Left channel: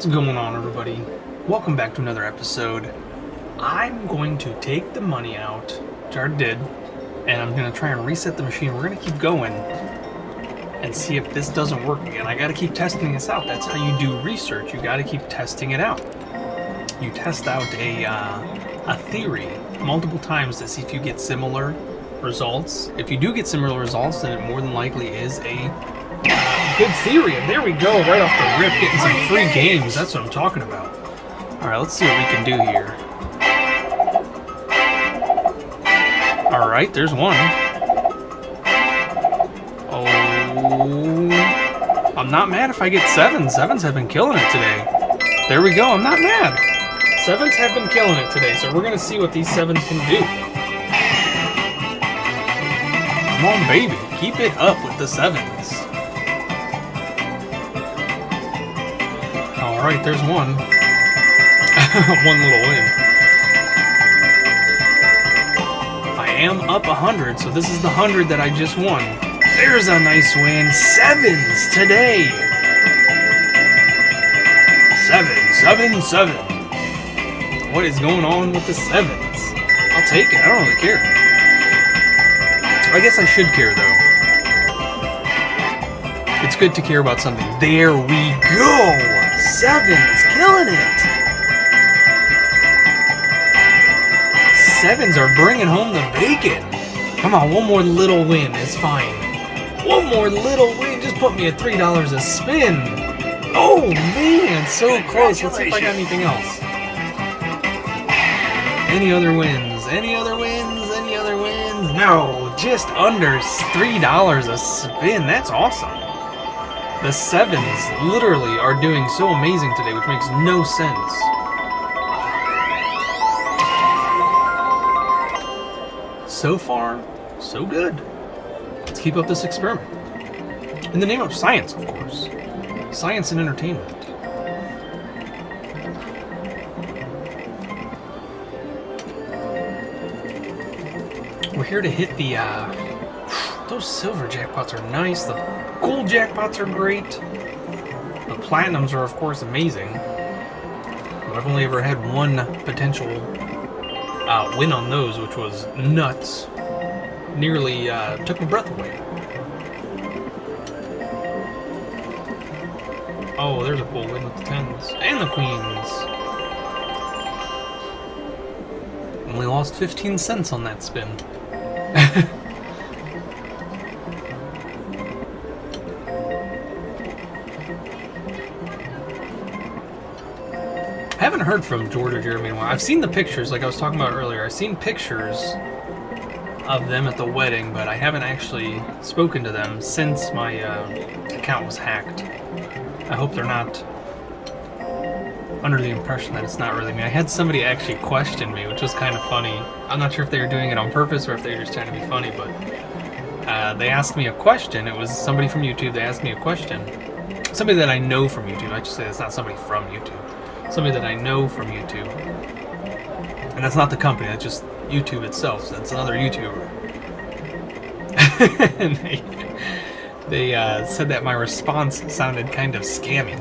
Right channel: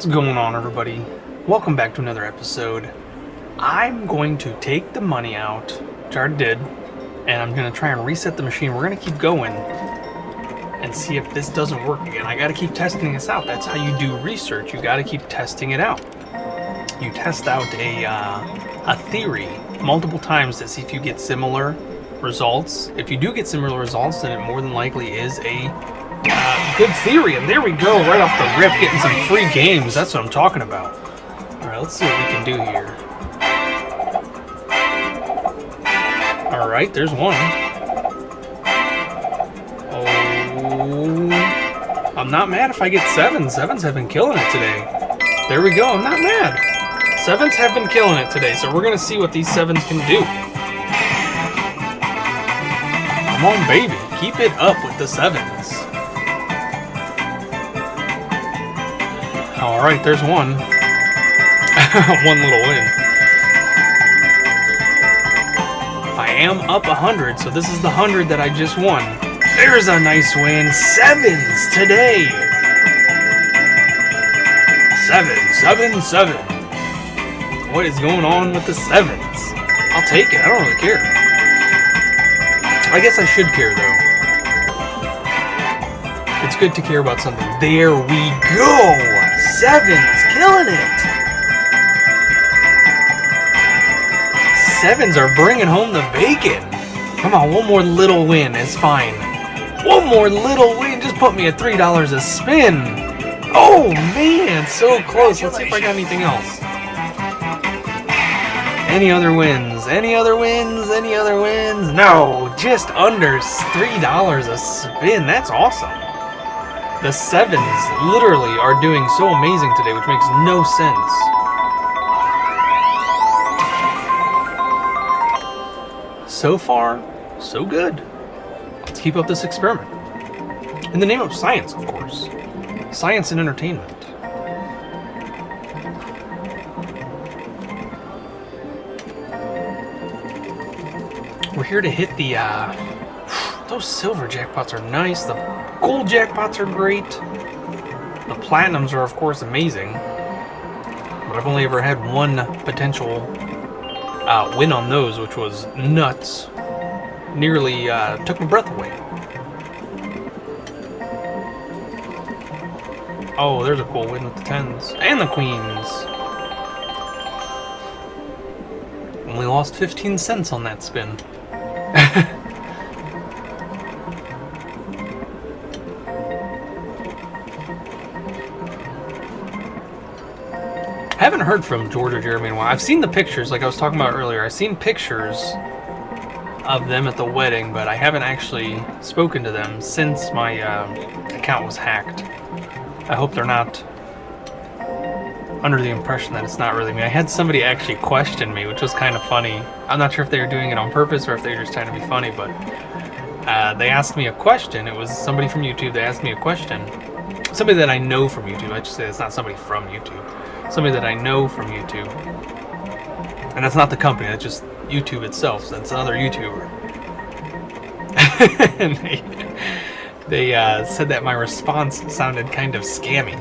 What's going on, everybody? Welcome back to another episode. I'm going to take the money out, which I did, and I'm going to try and reset the machine. We're going to keep going and see if this doesn't work again. I got to keep testing this out. That's how you do research. You got to keep testing it out. You test out a theory multiple times to see if you get similar results. If you do get similar results, then it more than likely is a good theory. And there we go, right off the rip, getting some free games. That's what I'm talking about. Alright, let's see what we can do here. Alright, there's one. Oh, I'm not mad if I get sevens. Sevens have been killing it today. There we go, I'm not mad. Sevens have been killing it today, so we're going to see what these sevens can do. Come on, baby. Keep it up with the sevens. Alright, there's one. One little win. I am up 100, so this is the 100 that I just won. There's a nice win. Sevens today. 7. What is going on with the sevens? I'll take it. I don't really care. I guess I should care, though. It's good to care about something. There we go! Sevens, killing it! Sevens are bringing home the bacon. Come on, one more little win is fine. One more little win, just put me at $3 a spin. Oh man, so close. Let's see if I got anything else. Any other wins? Any other wins? Any other wins? No, just under $3 a spin. That's awesome. The sevens literally are doing so amazing today, which makes no sense. So far, so good. Let's keep up this experiment. In the name of science, of course. Science and entertainment. We're here to hit the, those silver jackpots are nice. The gold jackpots are great. The platinums are, of course, amazing. But I've only ever had one potential win on those, which was nuts. Nearly took my breath away. Oh, there's a cool win with the tens. And the queens. Only lost 15 cents on that spin. I haven't heard from George or Jeremy in a while. I've seen the pictures, like I was talking about earlier. I've seen pictures of them at the wedding, but I haven't actually spoken to them since my account was hacked. I hope they're not under the impression that it's not really me. I had somebody actually question me, which was kind of funny. I'm not sure if they were doing it on purpose or if they were just trying to be funny, but they asked me a question. It was somebody from YouTube. They asked me a question. Somebody that I know from YouTube. I should say it's not somebody from YouTube. Somebody that I know from YouTube. And that's not the company, that's just YouTube itself. So that's another YouTuber. And they said that my response sounded kind of scammy.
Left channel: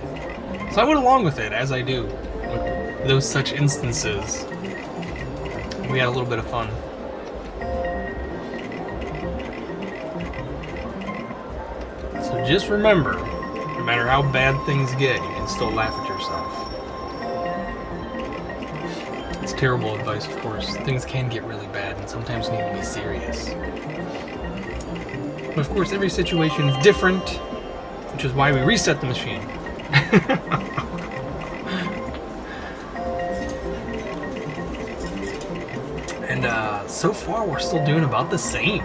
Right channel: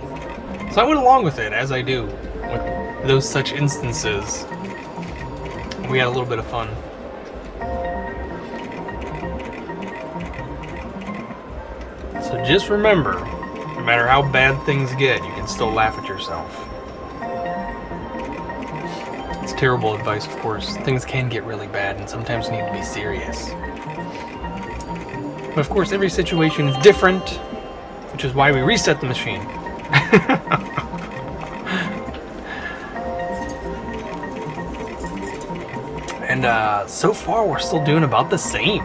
So I went along with it, as I do with those such instances. We had a little bit of fun. So just remember, no matter how bad things get, you can still laugh at yourself. It's terrible advice, of course. Things can get really bad and sometimes you need to be serious. But of course, every situation is different, which is why we reset the machine. And so far, we're still doing about the same.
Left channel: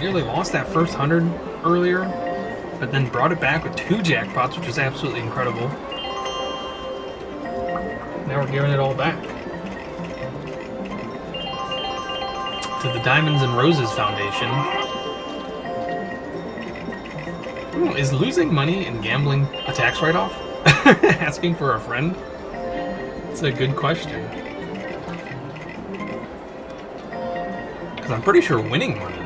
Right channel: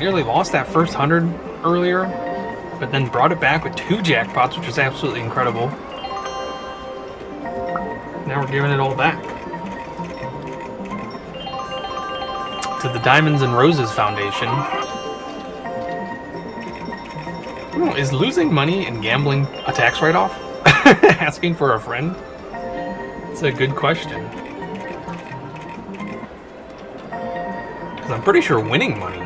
Nearly lost that first 100 earlier, but then brought it back with 2 jackpots, which was absolutely incredible. Now we're giving it all back to the Diamonds and Roses Foundation. Oh, is losing money and gambling a tax write-off? Asking for a friend? It's a good question. Because I'm pretty sure winning money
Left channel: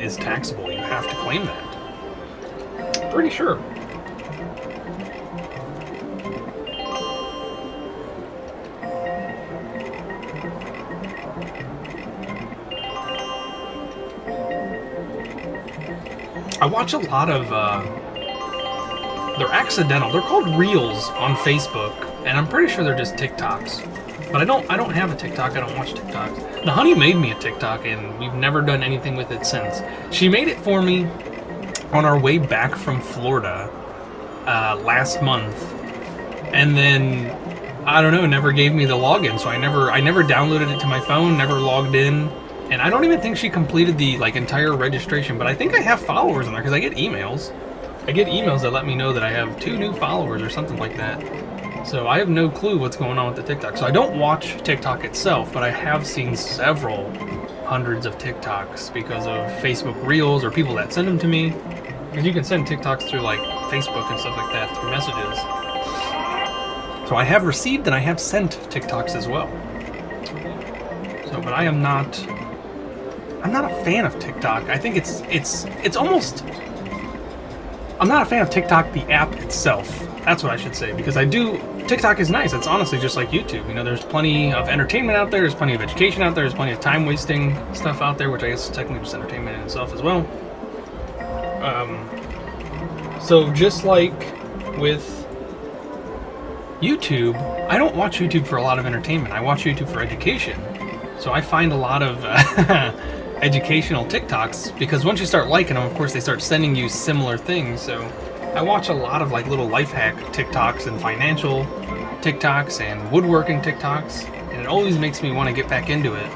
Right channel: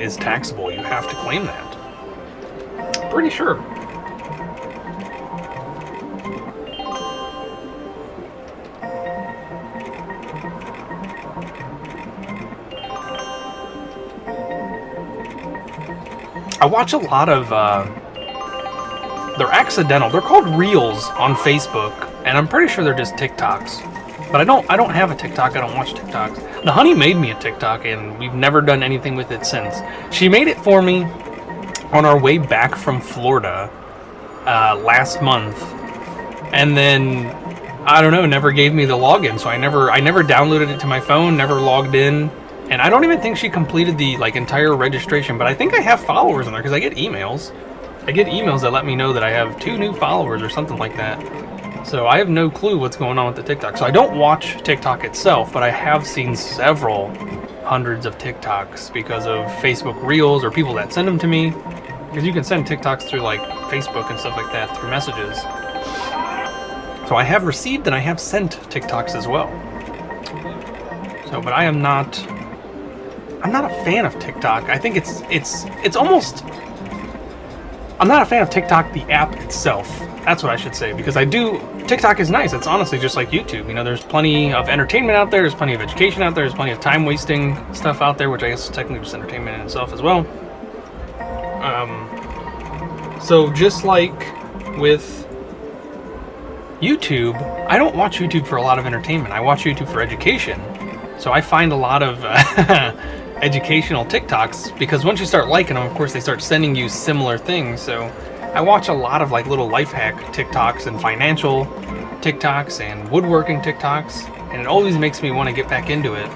is taxable. You have to claim that. Pretty sure. I watch a lot of, they're accidental. They're called Reels on Facebook, and I'm pretty sure they're just TikToks. But I don't have a TikTok. I don't watch TikToks. The honey made me a TikTok, and we've never done anything with it since. She made it for me on our way back from Florida last month, and then I don't know, never gave me the login, so I never downloaded it to my phone, never logged in, and I don't even think she completed the entire registration. But I think I have followers on there because I get emails. I get emails that let me know that I have 2 new followers or something like that. So I have no clue what's going on with the TikTok. So I don't watch TikTok itself, but I have seen several hundreds of TikToks because of Facebook Reels or people that send them to me. Because you can send TikToks through like Facebook and stuff like that through messages. So I have received and I have sent TikToks as well. So, but I'm not a fan of TikTok. I think it's almost, I'm not a fan of TikTok, the app itself. That's what I should say, because TikTok is nice. It's honestly just like YouTube. You know, there's plenty of entertainment out there. There's plenty of education out there. There's plenty of time wasting stuff out there, which I guess is technically just entertainment in itself as well. So just like with YouTube, I don't watch YouTube for a lot of entertainment. I watch YouTube for education. So I find a lot of educational TikToks, because once you start liking them, of course, they start sending you similar things. So I watch a lot of like little life hack TikToks and financial TikToks and woodworking TikToks, and it always makes me want to get back into it.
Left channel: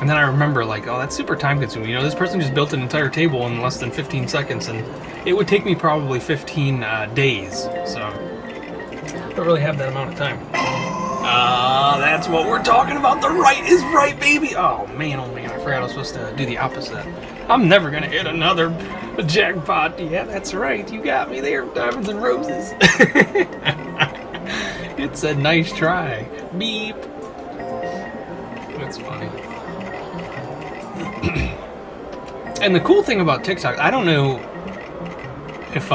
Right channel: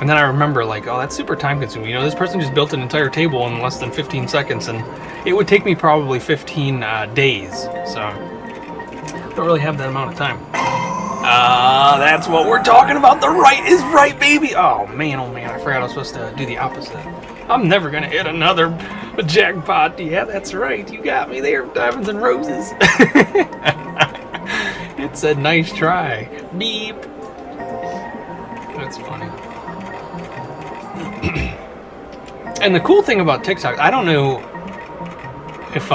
And then I remember like, oh, that's super time consuming. You know, this person just built an entire table in less than 15 seconds, and it would take me probably 15 days. So I don't really have that amount of time. That's what we're talking about. The right is right, baby. Oh man, I forgot I was supposed to do the opposite. I'm never gonna hit another jackpot. Yeah, that's right. You got me there, diamonds and roses. It's a nice try. Beep. That's funny. And the cool thing about TikTok, I don't know if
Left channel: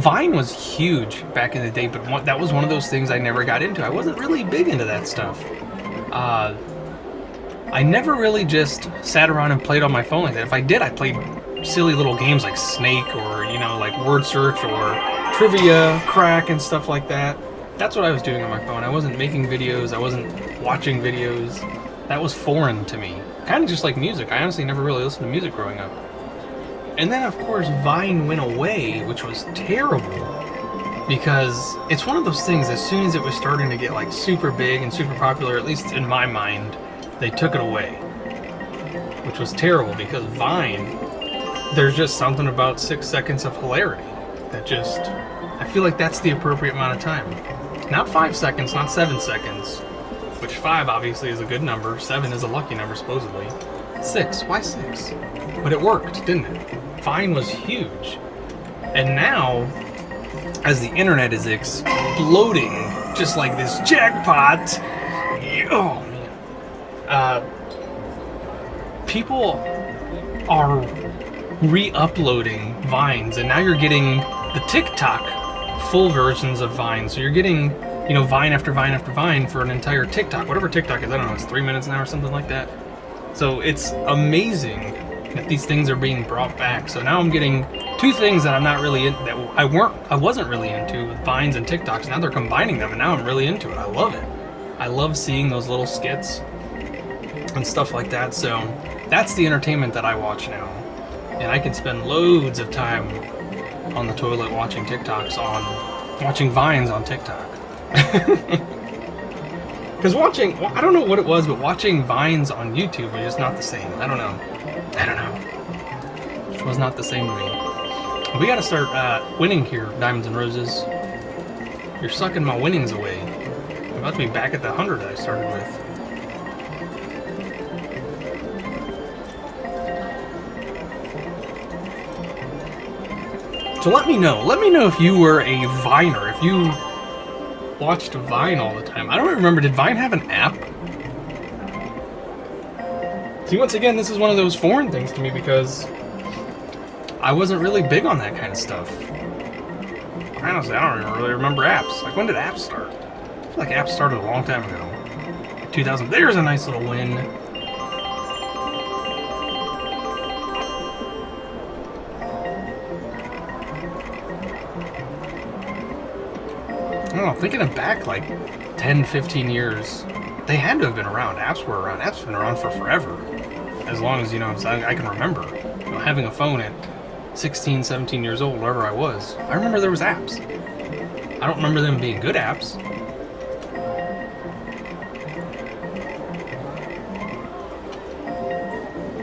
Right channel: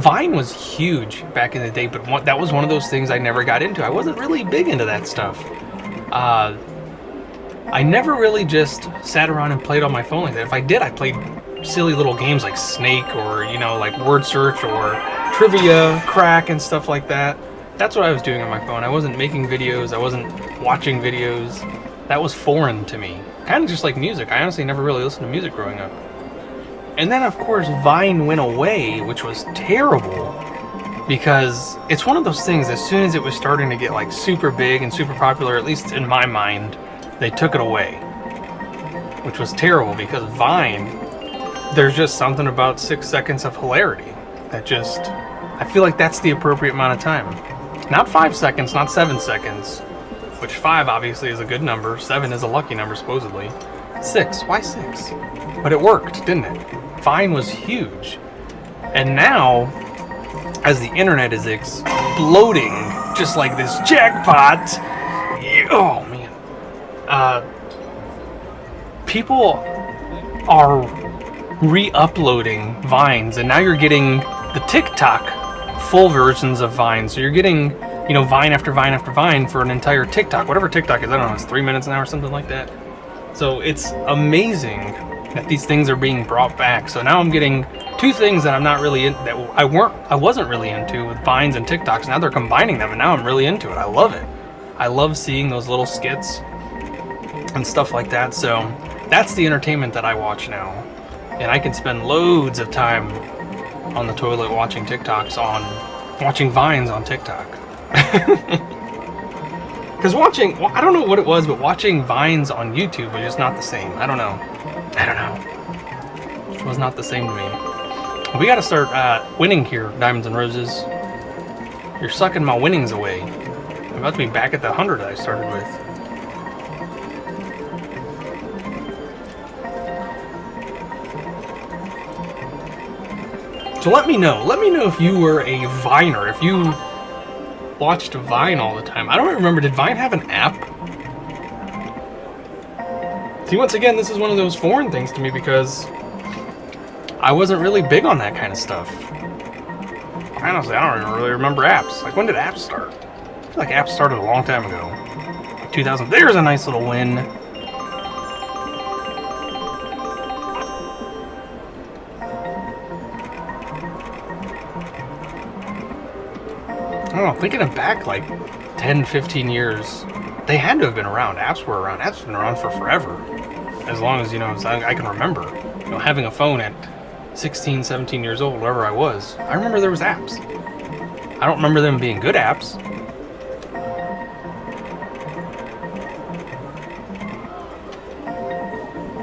Vine was huge back in the day, but that was one of those things I never got into. I wasn't really big into that stuff. I never really just sat around and played on my phone like that. If I did, I played silly little games like Snake, or, you know, like Word Search or Trivia, Crack, and stuff like that. That's what I was doing on my phone. I wasn't making videos. I wasn't watching videos. That was foreign to me. Kind of just like music. I honestly never really listened to music growing up. And then, of course, Vine went away, which was terrible, because it's one of those things, as soon as it was starting to get like super big and super popular, at least in my mind, they took it away, which was terrible, because Vine, there's just something about 6 seconds of hilarity that just, I feel like that's the appropriate amount of time. Not 5 seconds, not 7 seconds, which 5 obviously is a good number, 7 is a lucky number supposedly. 6, why 6? But it worked, didn't it? Vine was huge. And now, as the internet is exploding, just like this jackpot, oh man, people are re-uploading Vines, and now you're getting the TikTok full versions of Vine. So you're getting, you know, Vine after Vine after Vine for an entire TikTok, whatever TikTok is. I don't know, it's 3 minutes an hour or something like that. So it's amazing that these things are being brought back. So now I'm getting 2 things that I'm not really in, that I wasn't really into, with Vines and TikToks. Now they're combining them, and now I'm really into it. I love it. I love seeing those little skits and stuff like that. So that's the entertainment that I watch now, and I can spend loads of time on the toilet watching watching Vines on TikTok. Because I don't know what it was, but watching Vines on YouTube was just not the same. I don't know. It was not the same to me. We gotta start winning here, Diamonds and Roses. You're sucking my winnings away. I'm about to be back at the 100 that I started with. So let me know if you were a Viner, if you watched Vine all the time. I don't remember, did Vine have an app? See, once again, this is one of those foreign things to me, because I wasn't really big on that kind of stuff. Honestly, I don't even really remember apps. Like, when did apps start? I feel like apps started a long time ago. Like 2000. There's a nice little win. don't know, thinking it back like 10, 15 years, they had to have been around. Apps were around. Apps have been around for forever. As long as, I can remember. Having a phone at 16, 17 years old, wherever I was. I remember there was apps. I don't remember them being good apps.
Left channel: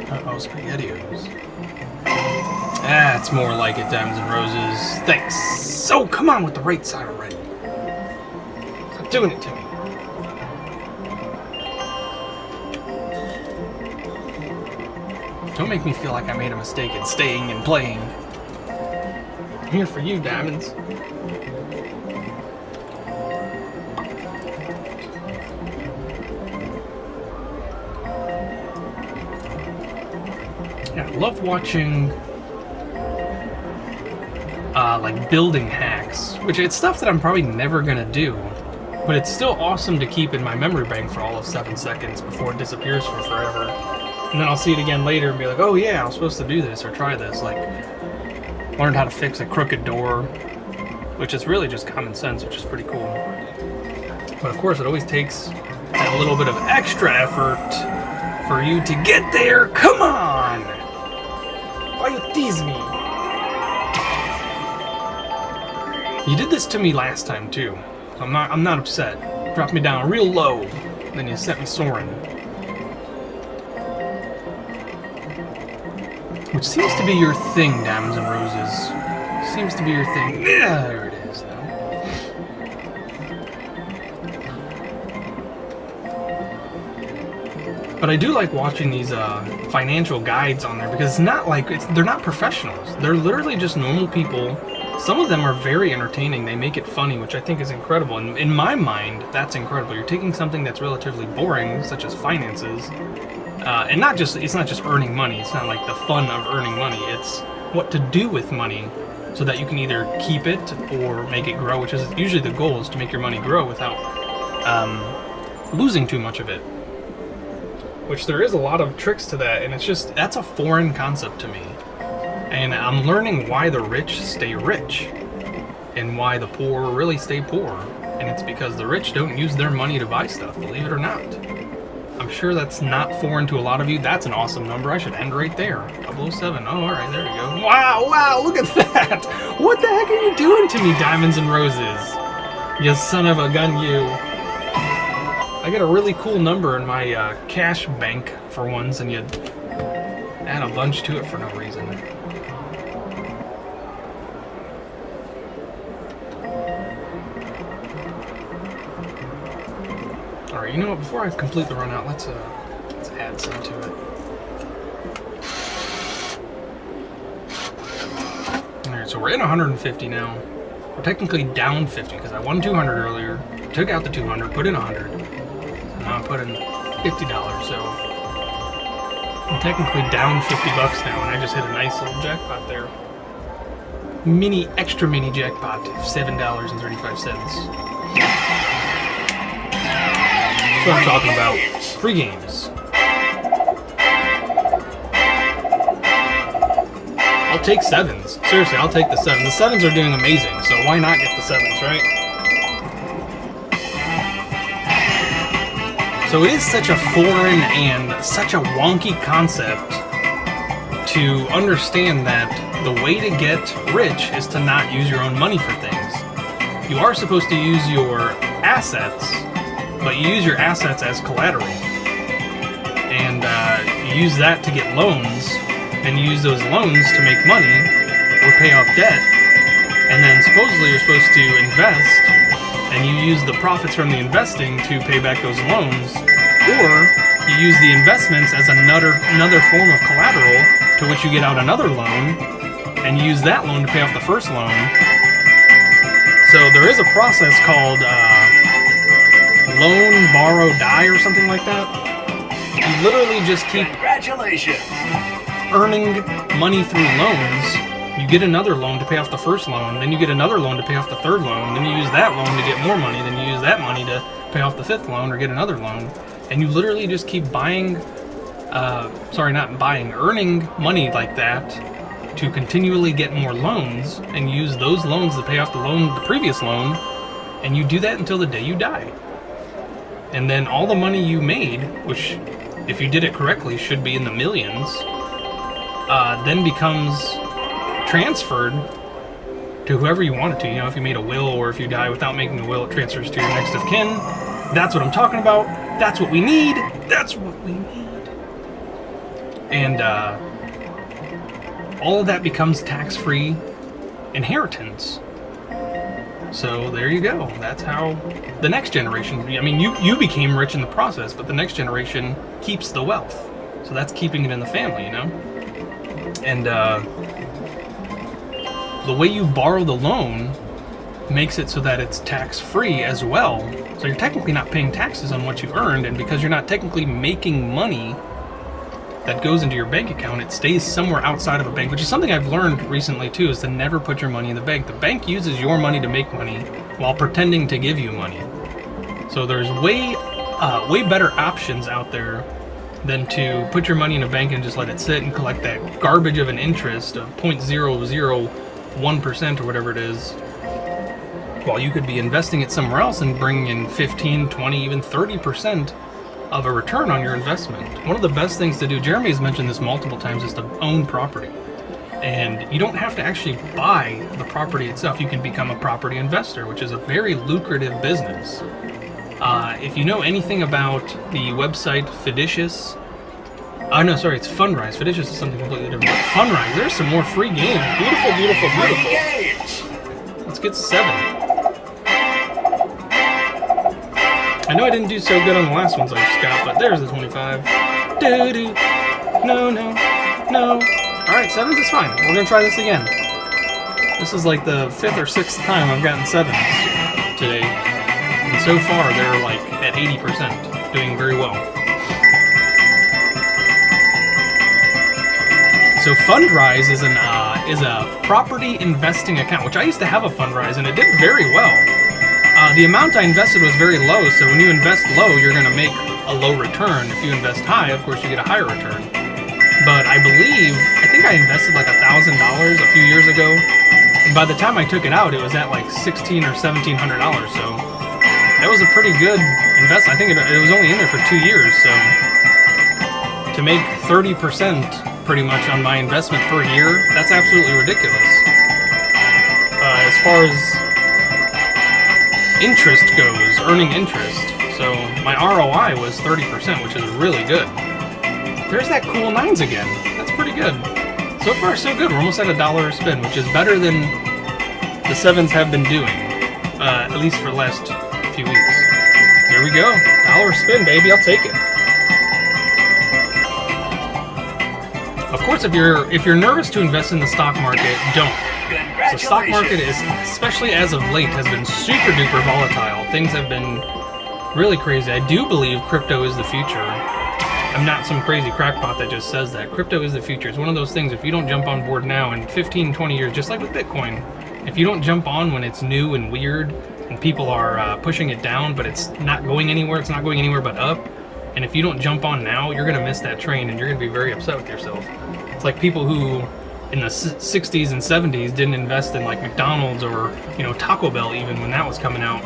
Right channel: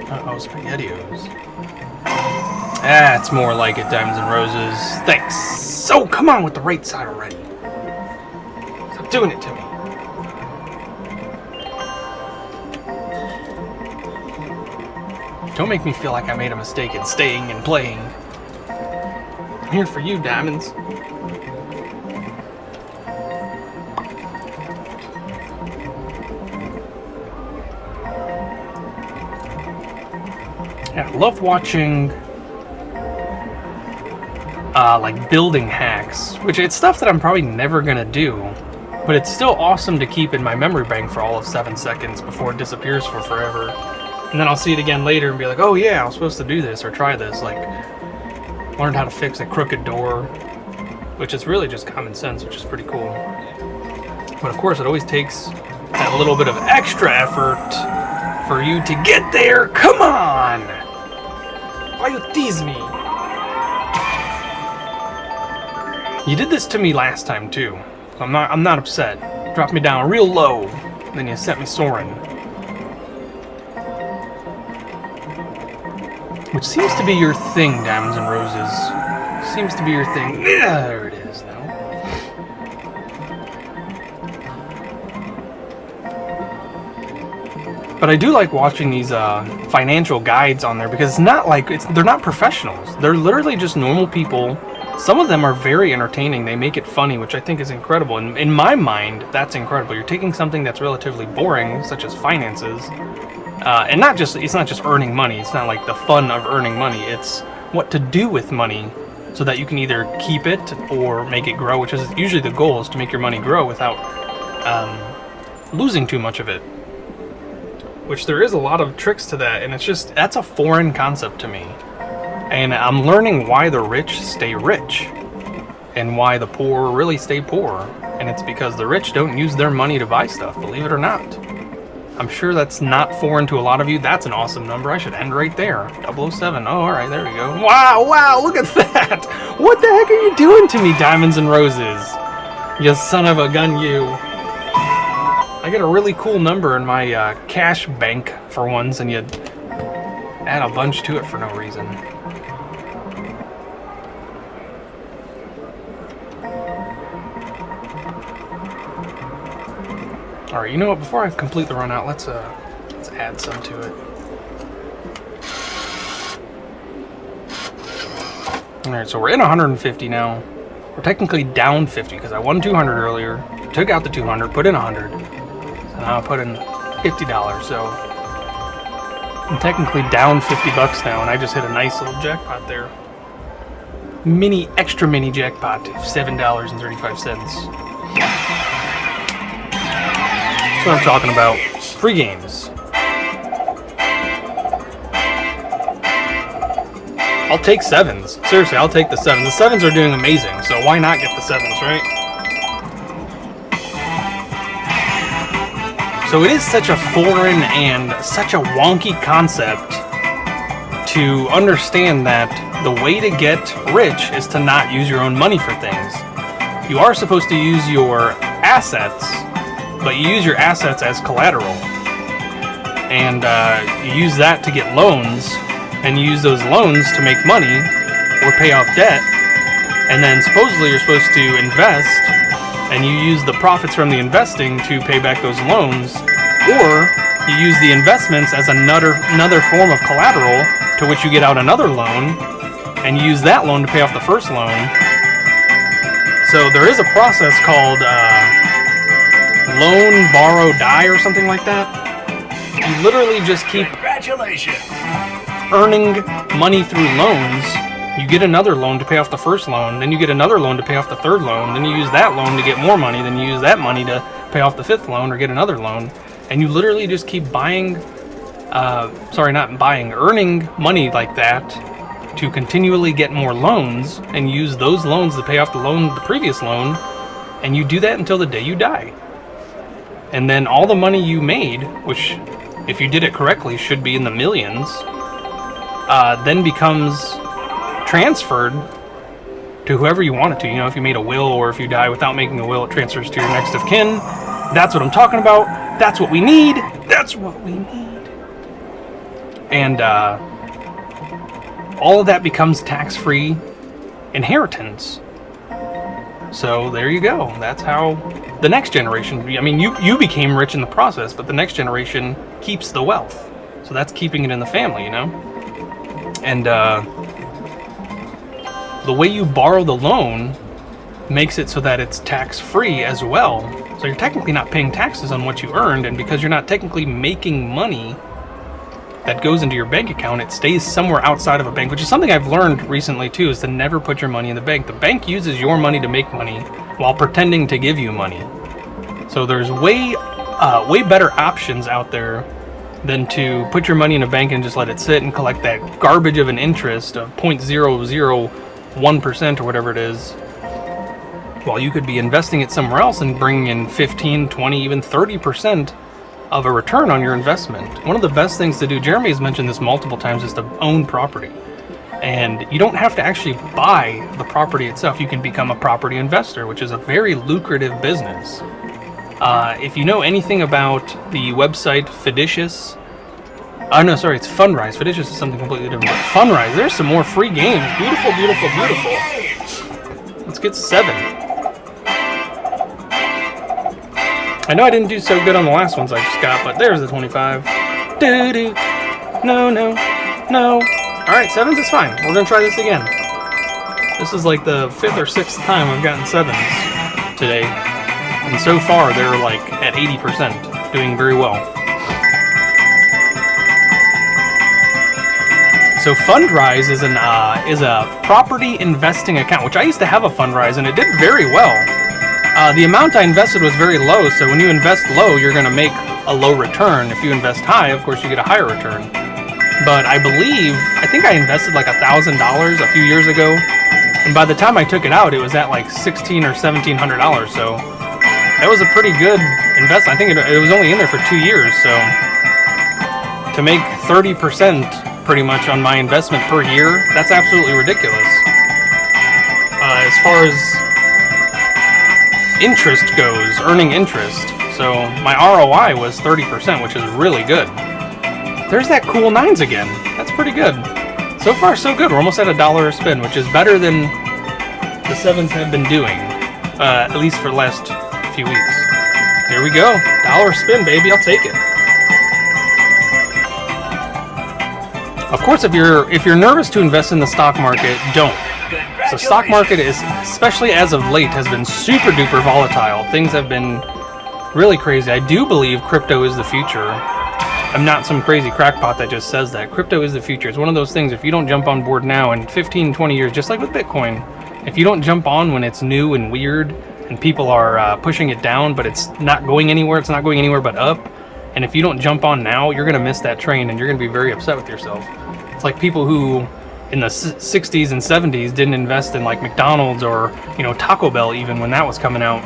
Uh-oh, SpaghettiOs. That's more like it, Diamonds and Roses. Thanks. So, come on with the right side already. Stop doing it to me. Don't make me feel like I made a mistake in staying and playing. I'm here for you, Diamonds. Yeah, I love watching like building hacks, which it's stuff that I'm probably never gonna do, but it's still awesome to keep in my memory bank for all of 7 seconds before it disappears for forever. And then I'll see it again later and be like, oh yeah, I was supposed to do this or try this. Like, learned how to fix a crooked door, which is really just common sense, which is pretty cool. But of course, it always takes that little bit of extra effort for you to get there. Come on! Why you tease me? You did this to me last time too. I'm not upset. Dropped me down real low, then you sent me soaring. Which seems to be your thing, Diamonds and Roses. Seems to be your thing. Yeah, there it is now. But I do like watching these financial guides on there because it's not like they're not professionals. They're literally just normal people. Some of them are very entertaining. They make it funny, which I think is incredible. And in my mind, that's incredible. You're taking something that's relatively boring, such as finances, and it's not just earning money. It's not like the fun of earning money. It's what to do with money so that you can either keep it or make it grow, which is usually the goal, is to make your money grow without losing too much of it. Which there is a lot of tricks to that, and that's a foreign concept to me. And I'm learning why the rich stay rich and why the poor really stay poor. And it's because the rich don't use their money to buy stuff, believe it or not. I'm sure that's not foreign to a lot of you. That's an awesome number. I should end right there. 007. Oh, all right, there we go. Wow, look at that. What the heck are you doing to me, Diamonds and Roses? You son of a gun, you. I get a really cool number in my cash bank for once, and you add a bunch to it for no reason. Alright, you know what, before I completely run out, let's add some to it. Alright, so we're in 150 now. We're technically down 50 because I won 200 earlier, took out the 200, put in 100. So now I put in $50, so I'm technically down 50 bucks now, and I just hit a nice little jackpot there. Extra mini jackpot, $7.35. That's what I'm talking about. Free games. I'll take sevens. Seriously, I'll take the sevens. The sevens are doing amazing, so why not get the sevens, right? So it is such a foreign and such a wonky concept to understand that the way to get rich is to not use your own money for things. You are supposed to use your assets, but you use your assets as collateral, and you use that to get loans, and you use those loans to make money or pay off debt, and then supposedly you're supposed to invest, and you use the profits from the investing to pay back those loans, or you use the investments as another form of collateral to which you get out another loan, and you use that loan to pay off the first loan. So there is a process called loan, borrow, die, or something like that. You literally just keep earning money through loans. You get another loan to pay off the first loan, then you get another loan to pay off the third loan, then you use that loan to get more money, then you use that money to pay off the fifth loan or get another loan, and you literally just keep earning money like that to continually get more loans, and use those loans to pay off the previous loan, And you do that until the day you die. And then all the money you made, which if you did it correctly should be in the millions, then becomes transferred to whoever you want it to. You know, if you made a will, or if you die without making a will, it transfers to your next of kin. That's what I'm talking about. That's what we need. That's what we need. And all of that becomes tax-free inheritance. So there you go. That's how the next generation, I mean, you became rich in the process, but the next generation keeps the wealth. So that's keeping it in the family, you know? And the way you borrow the loan makes it so that it's tax-free as well. So you're technically not paying taxes on what you earned, and because you're not technically making money that goes into your bank account, it stays somewhere outside of a bank, which is something I've learned recently too, is to never put your money in the bank. The bank uses your money to make money while pretending to give you money. So there's way better options out there than to put your money in a bank and just let it sit and collect that garbage of an interest of 0.001% or whatever it is, while you could be investing it somewhere else and bringing in 15, 20, even 30% of a return on your investment. One of the best things to do, Jeremy has mentioned this multiple times, is to own property. And you don't have to actually buy the property itself. You can become a property investor, which is a very lucrative business. If you know anything about the website Fidicious, it's Fundrise. Fidicious is something completely different. Fundrise, there's some more free games. Beautiful, beautiful, beautiful. Let's get 7. I know I didn't do so good on the last ones I just got, but there's the 25. Doo-doo. No, no, no. Alright, 7s is fine. We're going to try this again. This is like the 5th or 6th time I've gotten 7s today. And so far, they're like at 80%, doing very well. So Fundrise is a property investing account, which I used to have a Fundrise, and it did very well. The amount I invested was very low, so when you invest low, you're going to make a low return. If you invest high, of course, you get a higher return. But I think I invested like $1,000 a few years ago, and by the time I took it out, it was at like $1,600 or $1,700. So that was a pretty good investment. I think it was only in there for 2 years, so to make 30% pretty much on my investment per year, that's absolutely ridiculous. As far as interest goes, earning interest, so my ROI was 30%, which is really good. There's that cool 9s again. That's pretty good. So far, so good. We're almost at $1 a spin, which is better than the 7s have been doing, at least for the last few weeks. Here we go. $1 a spin, baby. I'll take it. Of course, if you're nervous to invest in the stock market, don't. The stock market is, especially as of late, has been super duper volatile. Things have been really crazy. I do believe crypto is the future. I'm not some crazy crackpot that just says that. Crypto is the future. It's one of those things, if you don't jump on board now, in 15, 20 years, just like with Bitcoin, if you don't jump on when it's new and weird and people are pushing it down, but it's not going anywhere, it's not going anywhere but up, and if you don't jump on now, you're going to miss that train and you're going to be very upset with yourself. It's like people who in the 60s and 70s didn't invest in like McDonald's or, Taco Bell even when that was coming out,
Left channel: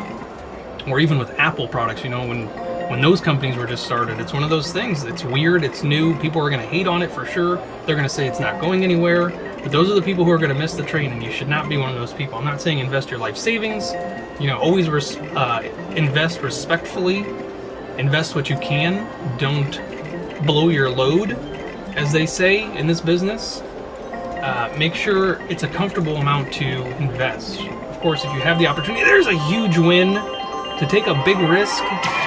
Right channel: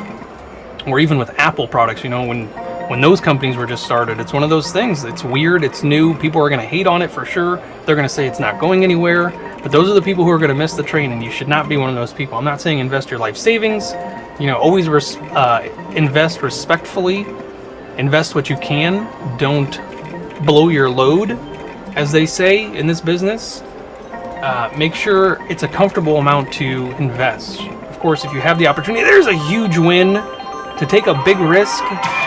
or even with Apple products, when those companies were just started. It's one of those things. It's weird, it's new, people are going to hate on it for sure. They're going to say it's not going anywhere, but those are the people who are going to miss the train, and you should not be one of those people. I'm not saying invest your life savings, always invest respectfully, invest what you can, don't blow your load, as they say in this business. Make sure it's a comfortable amount to invest. Of course, if you have the opportunity, there's a huge win to take a big risk.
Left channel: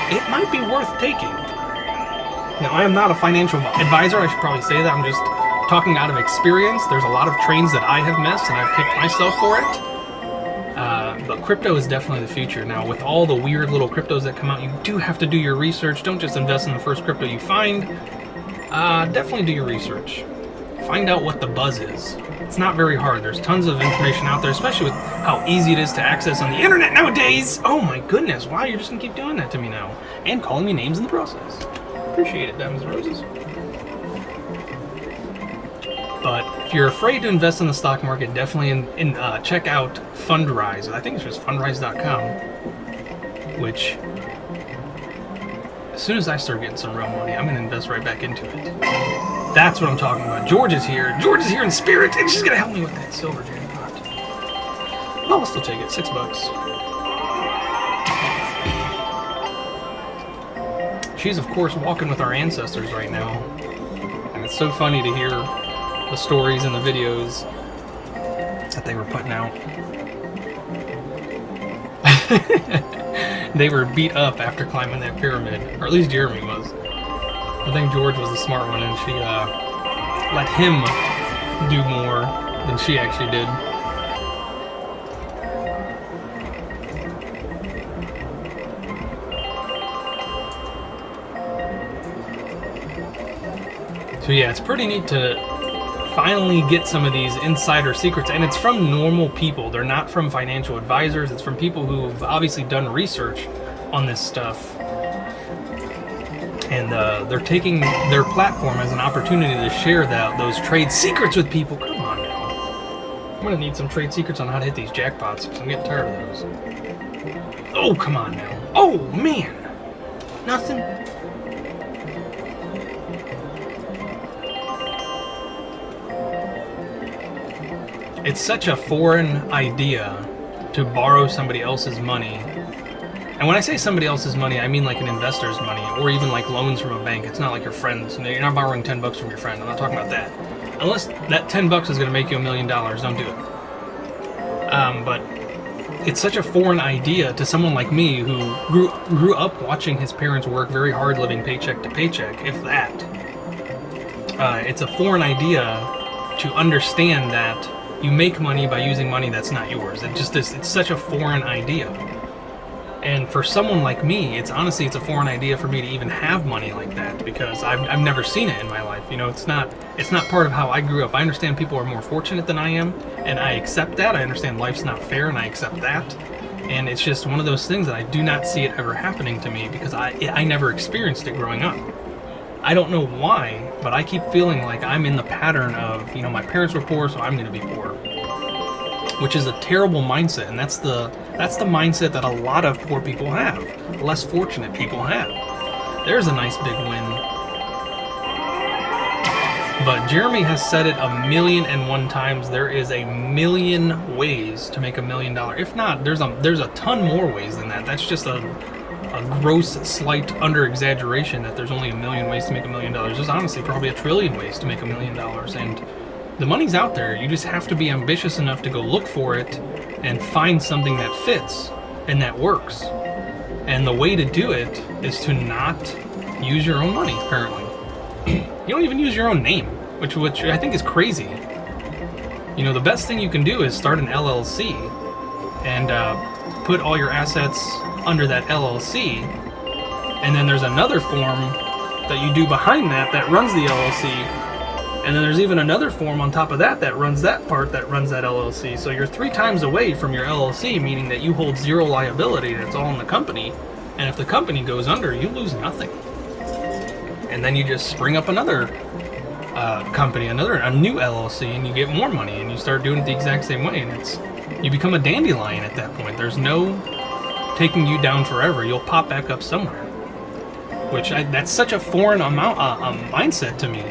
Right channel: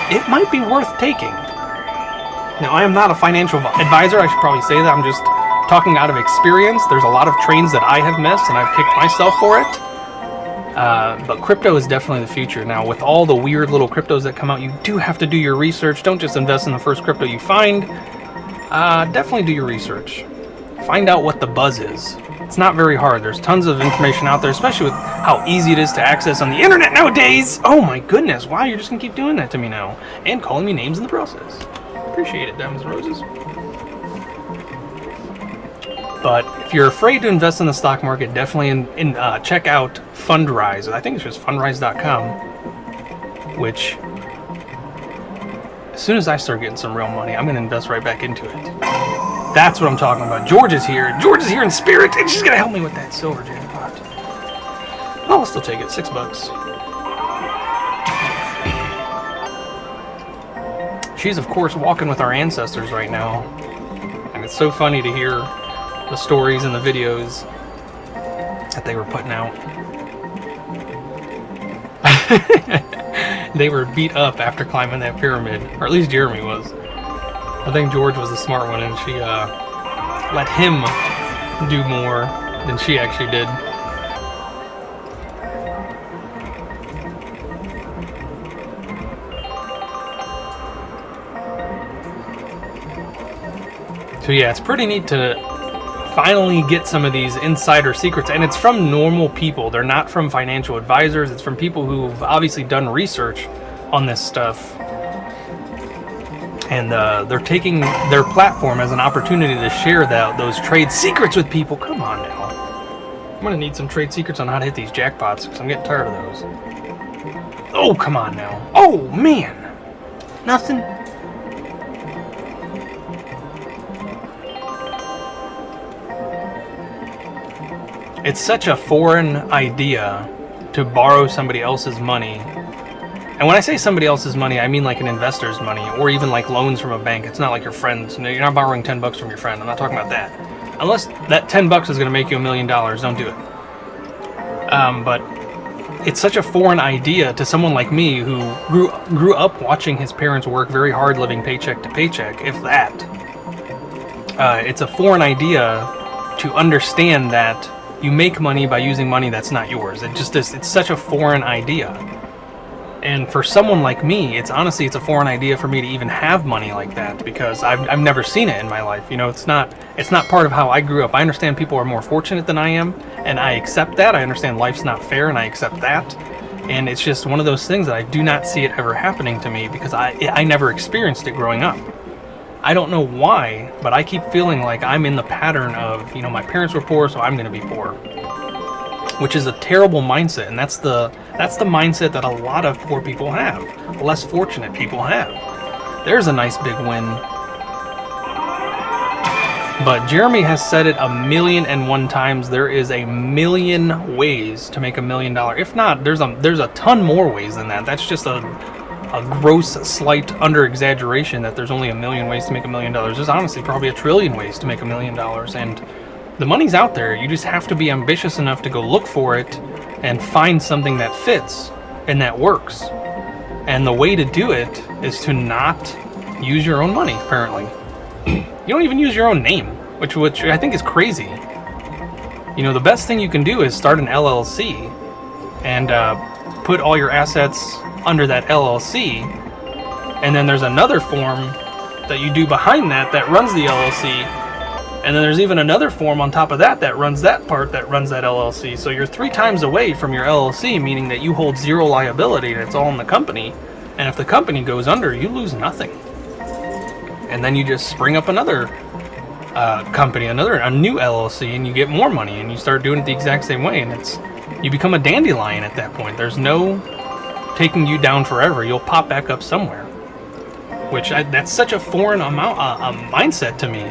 It might be worth taking. Now, I am not a financial advisor. I should probably say that. I'm just talking out of experience. There's a lot of trains that I have missed, and I've kicked myself for it. But crypto is definitely the future. Now, with all the weird little cryptos that come out, you do have to do your research. Don't just invest in the first crypto you find. Definitely do your research. Find out what the buzz is. It's not very hard. There's tons of information out there, especially with how easy it is to access on the internet nowadays. Oh my goodness, wow, you're just gonna keep doing that to me now. And calling me names in the process. Appreciate it, Diamonds and Roses. But if you're afraid to invest in the stock market, definitely check out Fundrise. I think it's just fundrise.com, which as soon as I start getting some real money, I'm going to invest right back into it. That's what I'm talking about. George is here. George is here in spirit, and she's going to help me with that silver jackpot. Oh, I'll still take it. $6. She's, of course, walking with our ancestors right now. And it's so funny to hear the stories and the videos that they were putting out. They were beat up after climbing that pyramid, or at least Jeremy was. I think George was the smart one, and she let him do more than she actually did. So yeah, it's pretty neat to finally get some of these insider secrets, and it's from normal people. They're not from financial advisors. It's from people who've obviously done research on this stuff, and they're taking their platform as an opportunity to share those trade secrets with people. Come on now, I'm gonna need some trade secrets on how to hit these jackpots because I'm getting tired of those. Oh, come on now. Oh man, nothing. It's such a foreign idea to borrow somebody else's money. And when I say somebody else's money, I mean like an investor's money, or even like loans from a bank. It's not like your friends. You're not borrowing $10 from your friend. I'm not talking about that. Unless that $10 is going to make you $1 million, don't do it. But it's such a foreign idea to someone like me who grew up watching his parents work very hard, living paycheck to paycheck, if that. It's a foreign idea to understand that you make money by using money that's not yours. It's such a foreign idea. And for someone like me, it's a foreign idea for me to even have money like that, because I've never seen it in my life. You know, it's not part of how I grew up. I understand people are more fortunate than I am, and I accept that. I understand life's not fair, and I accept that. And it's just one of those things that I do not see it ever happening to me, because I never experienced it growing up. I don't know why, but I keep feeling like I'm in the pattern of, you know, my parents were poor, so I'm going to be poor, which is a terrible mindset. And that's the mindset that a lot of poor people have, less fortunate people have. There's a nice big win. But Jeremy has said it 1,000,001 times. There is 1,000,000 ways to make $1 million. If not, there's a ton more ways than that. That's just a gross, slight under-exaggeration that there's only 1,000,000 ways to make $1 million. There's honestly probably 1,000,000,000,000 ways to make $1 million, and the money's out there. You just have to be ambitious enough to go look for it and find something that fits and that works. And the way to do it is to not use your own money, apparently. You don't even use your own name, which I think is crazy. You know, the best thing you can do is start an LLC and put all your assets under that LLC, and then there's another form that you do behind that runs the LLC, and then there's even another form on top of that runs that part that runs that LLC. So you're 3 times away from your LLC, meaning that you hold zero liability, and it's all in the company, and if the company goes under, you lose nothing. And then you just spring up another company, a new LLC, and you get more money, and you start doing it the exact same way, and you become a dandelion at that point. There's no taking you down forever. You'll pop back up somewhere. That's such a foreign mindset to me,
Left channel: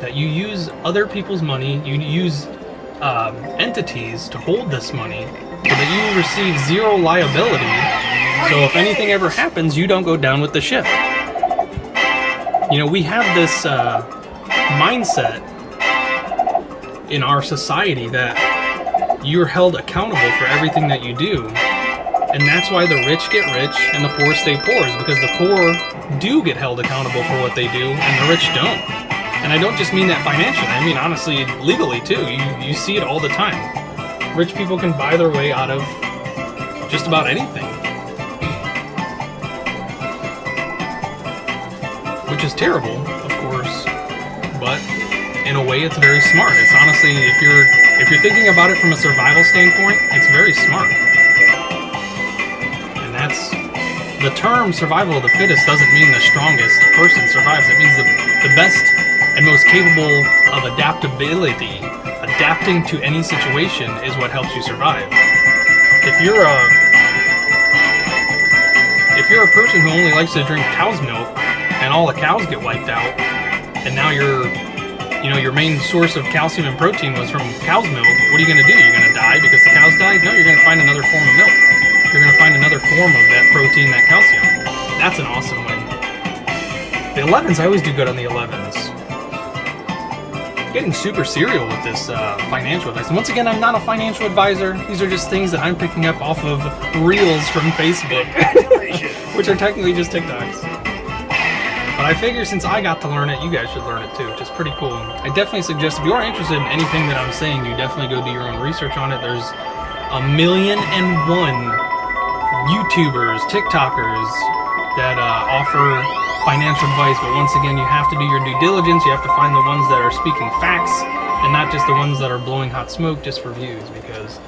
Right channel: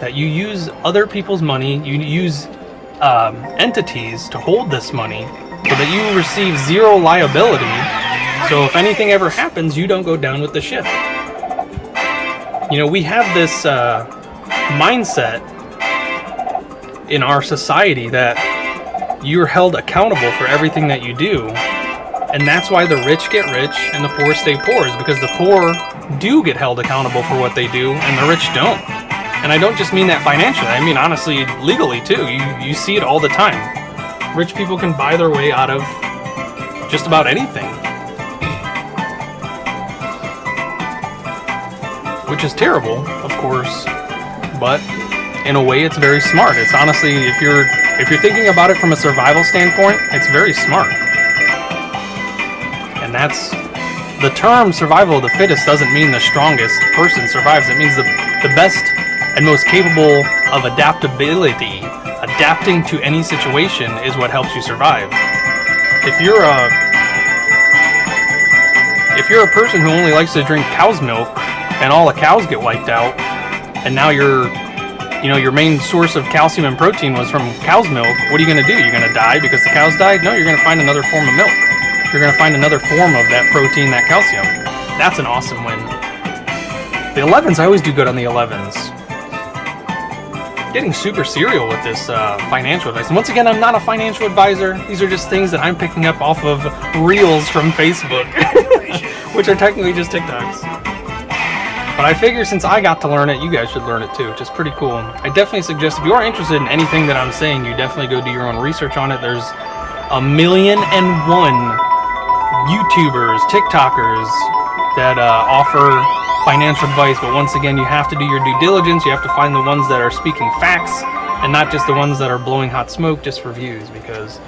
that you use other people's money, you use entities to hold this money, so that you receive zero liability. So if anything ever happens, you don't go down with the ship. You know, we have this mindset in our society that you're held accountable for everything that you do. And that's why the rich get rich and the poor stay poor, is because the poor do get held accountable for what they do and the rich don't. And I don't just mean that financially, I mean honestly legally too. You see it all the time. Rich people can buy their way out of just about anything, which is terrible, of course, but in a way it's very smart. It's honestly, if you're thinking about it from a survival standpoint, it's very smart. That's the term survival of the fittest doesn't mean the strongest person survives. It means the best and most capable of adaptability. Adapting to any situation is what helps you survive. If you're a person who only likes to drink cow's milk and all the cows get wiped out, and now your main source of calcium and protein was from cow's milk, what are you going to do? You're going to die because the cows died? No, you're going to find another form of milk. You're going to find another form of that protein, that calcium. That's an awesome win. The 11s, I always do good on the 11s. Getting super serial with this financial advice. And once again, I'm not a financial advisor. These are just things that I'm picking up off of reels from Facebook, which are technically just TikToks. But I figure since I got to learn it, you guys should learn it too, which is pretty cool. I definitely suggest, if you are interested in anything that I'm saying, you definitely go do your own research on it. There's 1,000,001 YouTubers, TikTokers that offer financial advice, but once again, you have to do your due diligence. You have to find the ones that are speaking facts and not just the ones that are blowing hot smoke just for views, because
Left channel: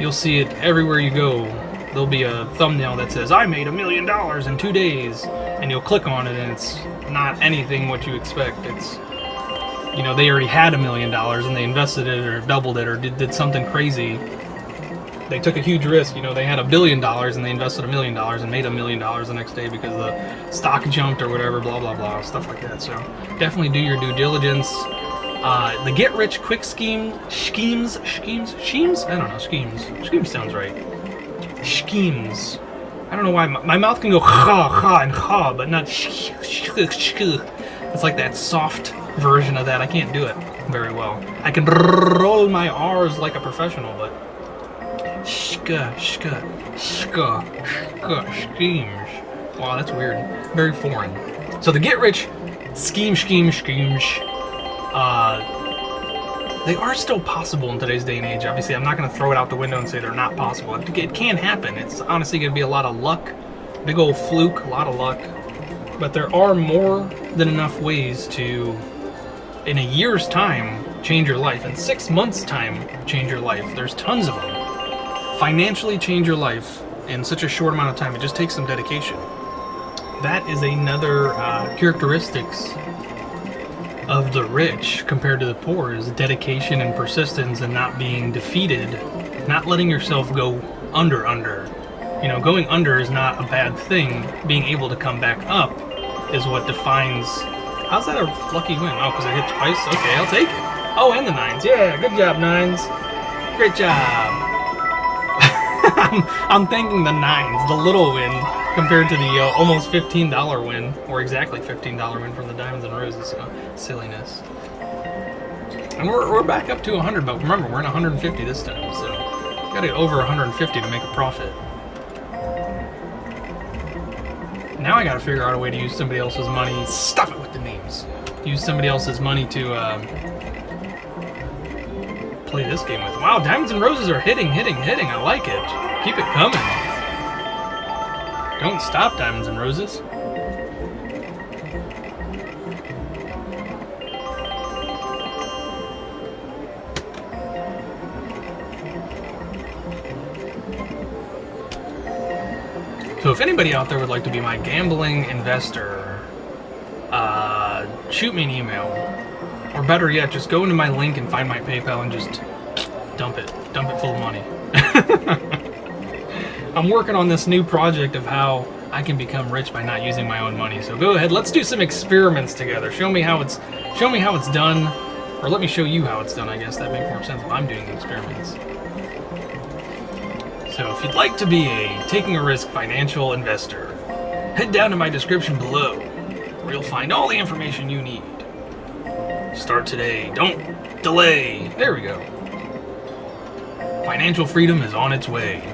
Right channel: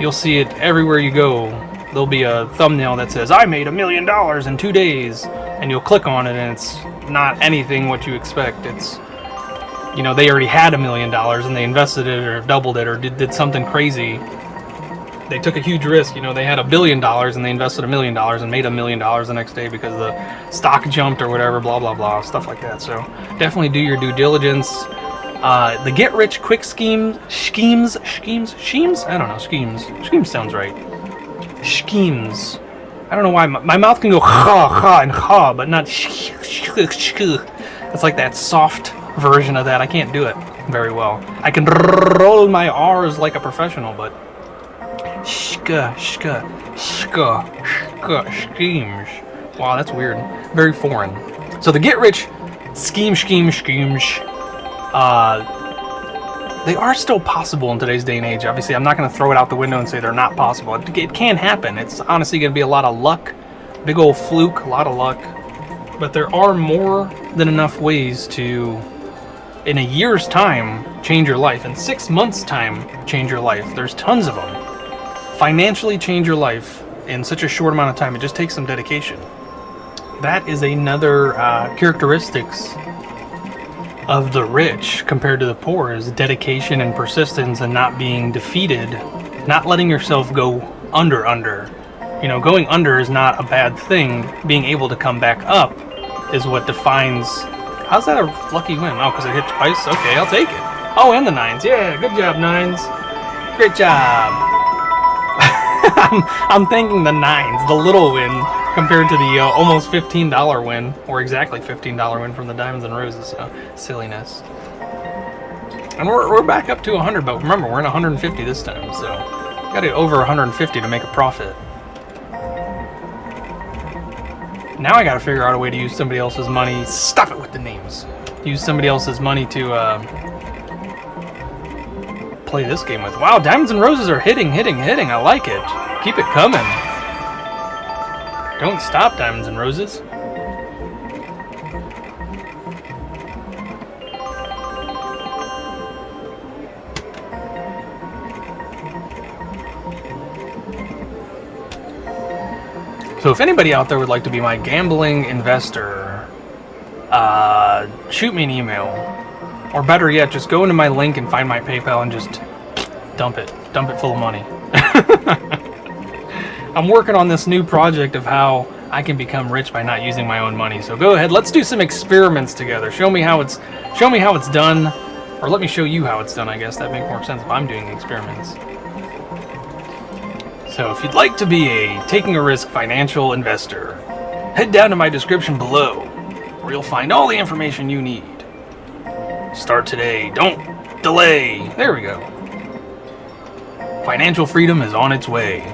you'll see it everywhere you go. There'll be a thumbnail that says, I made $1 million in 2 days, and you'll click on it and it's not anything what you expect. It's, they already had $1 million and they invested it or doubled it or did something crazy. They took a huge risk. They had $1 billion and they invested $1 million and made $1 million the next day because the stock jumped or whatever, blah, blah, blah, stuff like that. So definitely do your due diligence. The get rich quick schemes? I don't know, schemes. Schemes sounds right. Schemes. I don't know why my mouth can go ha and ha, but not sh. It's like that soft version of that. I can't do it very well. I can roll my R's like a professional, but schemes. Wow, that's weird. Very foreign. So the get rich schemes. They are still possible in today's day and age. Obviously, I'm not going to throw it out the window and say they're not possible. It can happen. It's honestly going to be a lot of luck. Big old fluke, a lot of luck. But there are more than enough ways to, in a year's time, change your life. In 6 months' time, change your life. There's tons of them. Financially change your life in such a short amount of time. It just takes some dedication. That is another characteristics of the rich compared to the poor, is dedication and persistence and not being defeated, not letting yourself go under. Going under is not a bad thing. Being able to come back up is what defines. How's that a lucky win? Oh, because I hit twice? Okay, I'll take it. Oh, and the 9s. Yeah, good job, 9s. Great job. I'm thanking the 9s, the little win, compared to the almost $15 win, or exactly $15 win from the Diamonds and Roses. So, silliness. And we're back up to 100, but remember, we're in 150 this time, so got to over 150 to make a profit. Now I got to figure out a way to use somebody else's money. Stop it with the names. Use somebody else's money to play this game with. Wow, Diamonds and Roses are hitting. I like it. Keep it coming. Don't stop, Diamonds and Roses. So if anybody out there would like to be my gambling investor, shoot me an email. Or better yet, just go into my link and find my PayPal and just dump it full of money. I'm working on this new project of how I can become rich by not using my own money. So go ahead, let's do some experiments together. Show me how it's done, or let me show you how it's done. I guess that makes more sense if I'm doing the experiments. So if you'd like to be a Taking a Risk financial investor, head down to my description below, where you'll find all the information you need. Start today. Don't delay. There we go. Financial freedom is on its way.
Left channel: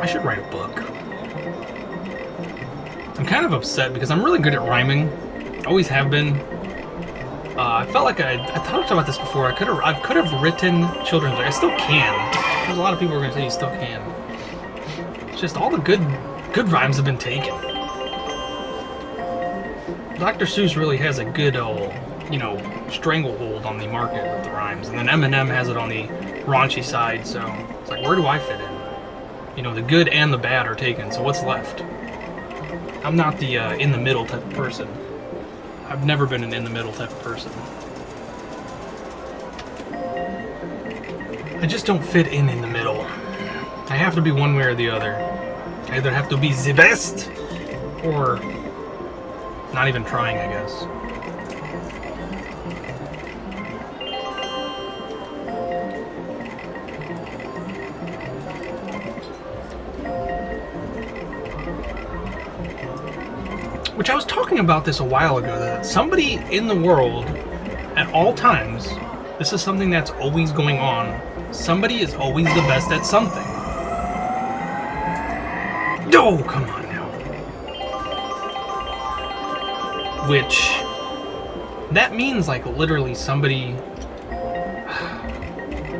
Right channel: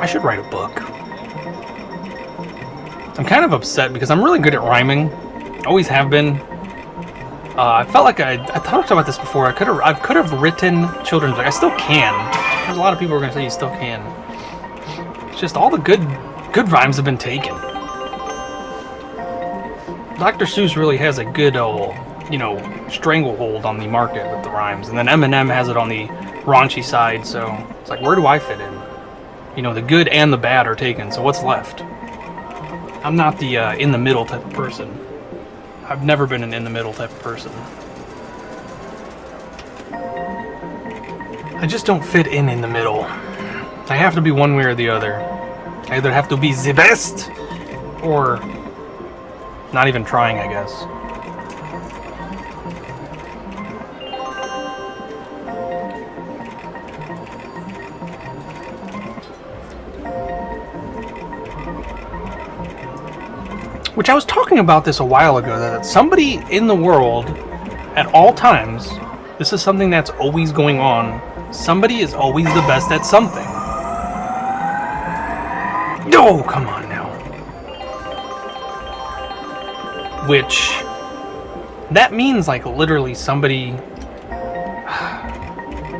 I should write a book. I'm kind of upset because I'm really good at rhyming. Always have been. I felt like I talked about this before. I could have written children's books. I still can. There's a lot of people who are going to say you still can. It's just all the good rhymes have been taken. Dr. Seuss really has a good old, stranglehold on the market with the rhymes, and then Eminem has it on the raunchy side. So it's like, where do I fit in? The good and the bad are taken. So what's left? I'm not the in the middle type of person. I've never been an in the middle type of person. I just don't fit in the middle. I have to be one way or the other. I either have to be the best or not even trying, I guess. Which I was talking about this a while ago, that somebody in the world at all times, this is something that's always going on, somebody is always the best at something. Oh, come on now. Which, that means like literally somebody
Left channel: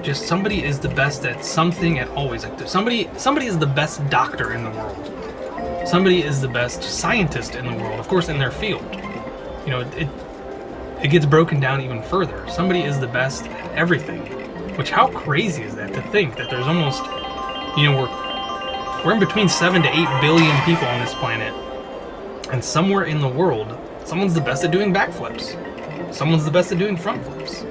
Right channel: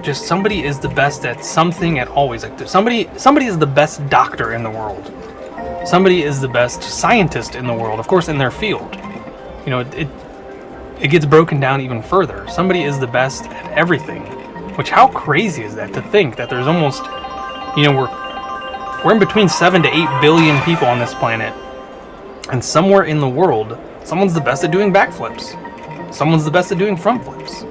is the best at something at always. Like somebody is the best doctor in the world. Somebody is the best scientist in the world, of course, in their field. You know, it gets broken down even further. Somebody is the best at everything. Which, how crazy is that to think that there's almost, you know, we're in between 7 to 8 billion people on this planet, and somewhere in the world, someone's the best at doing backflips. Someone's the best at doing front flips.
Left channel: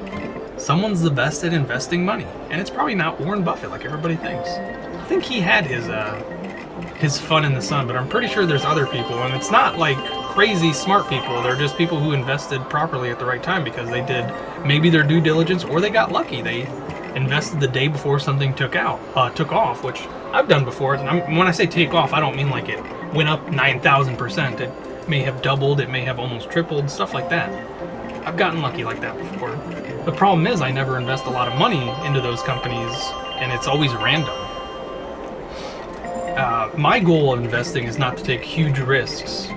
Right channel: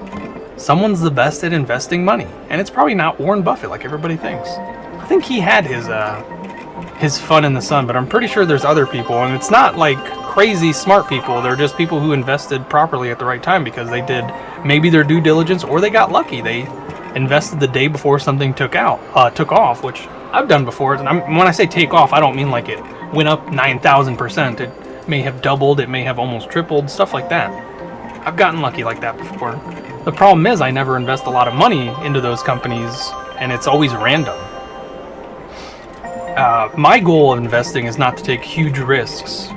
Someone's the best at investing money. And it's probably not Warren Buffett like everybody thinks. I think he had his fun in the sun, but I'm pretty sure there's other people, and it's not like crazy smart people. They're just people who invested properly at the right time because they did maybe their due diligence, or they got lucky. They invested the day before something took off, which I've done before. And when I say take off, I don't mean like it went up 9,000%. It may have doubled, it may have almost tripled, stuff like that. I've gotten lucky like that before. The problem is I never invest a lot of money into those companies, and it's always random. My goal of investing is not to take huge risks,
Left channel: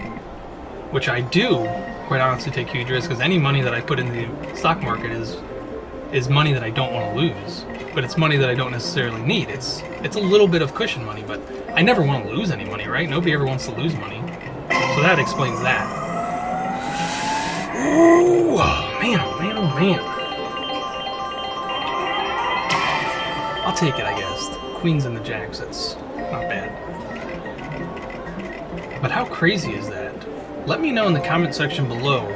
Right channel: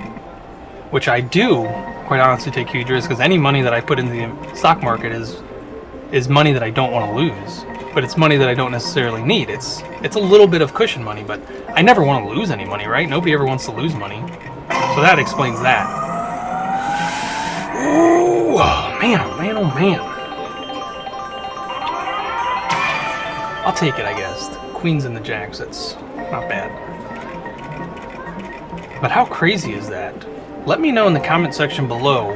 which I do, quite honestly, take huge risks, because any money that I put in the stock market is money that I don't want to lose, but it's money that I don't necessarily need. It's a little bit of cushion money, but I never want to lose any money, right? Nobody ever wants to lose money. So that explains that. Ooh, oh man, oh man, oh man. I'll take it, I guess. The queens and the jacks, that's not bad. But how crazy is that? Let me know in the comment section below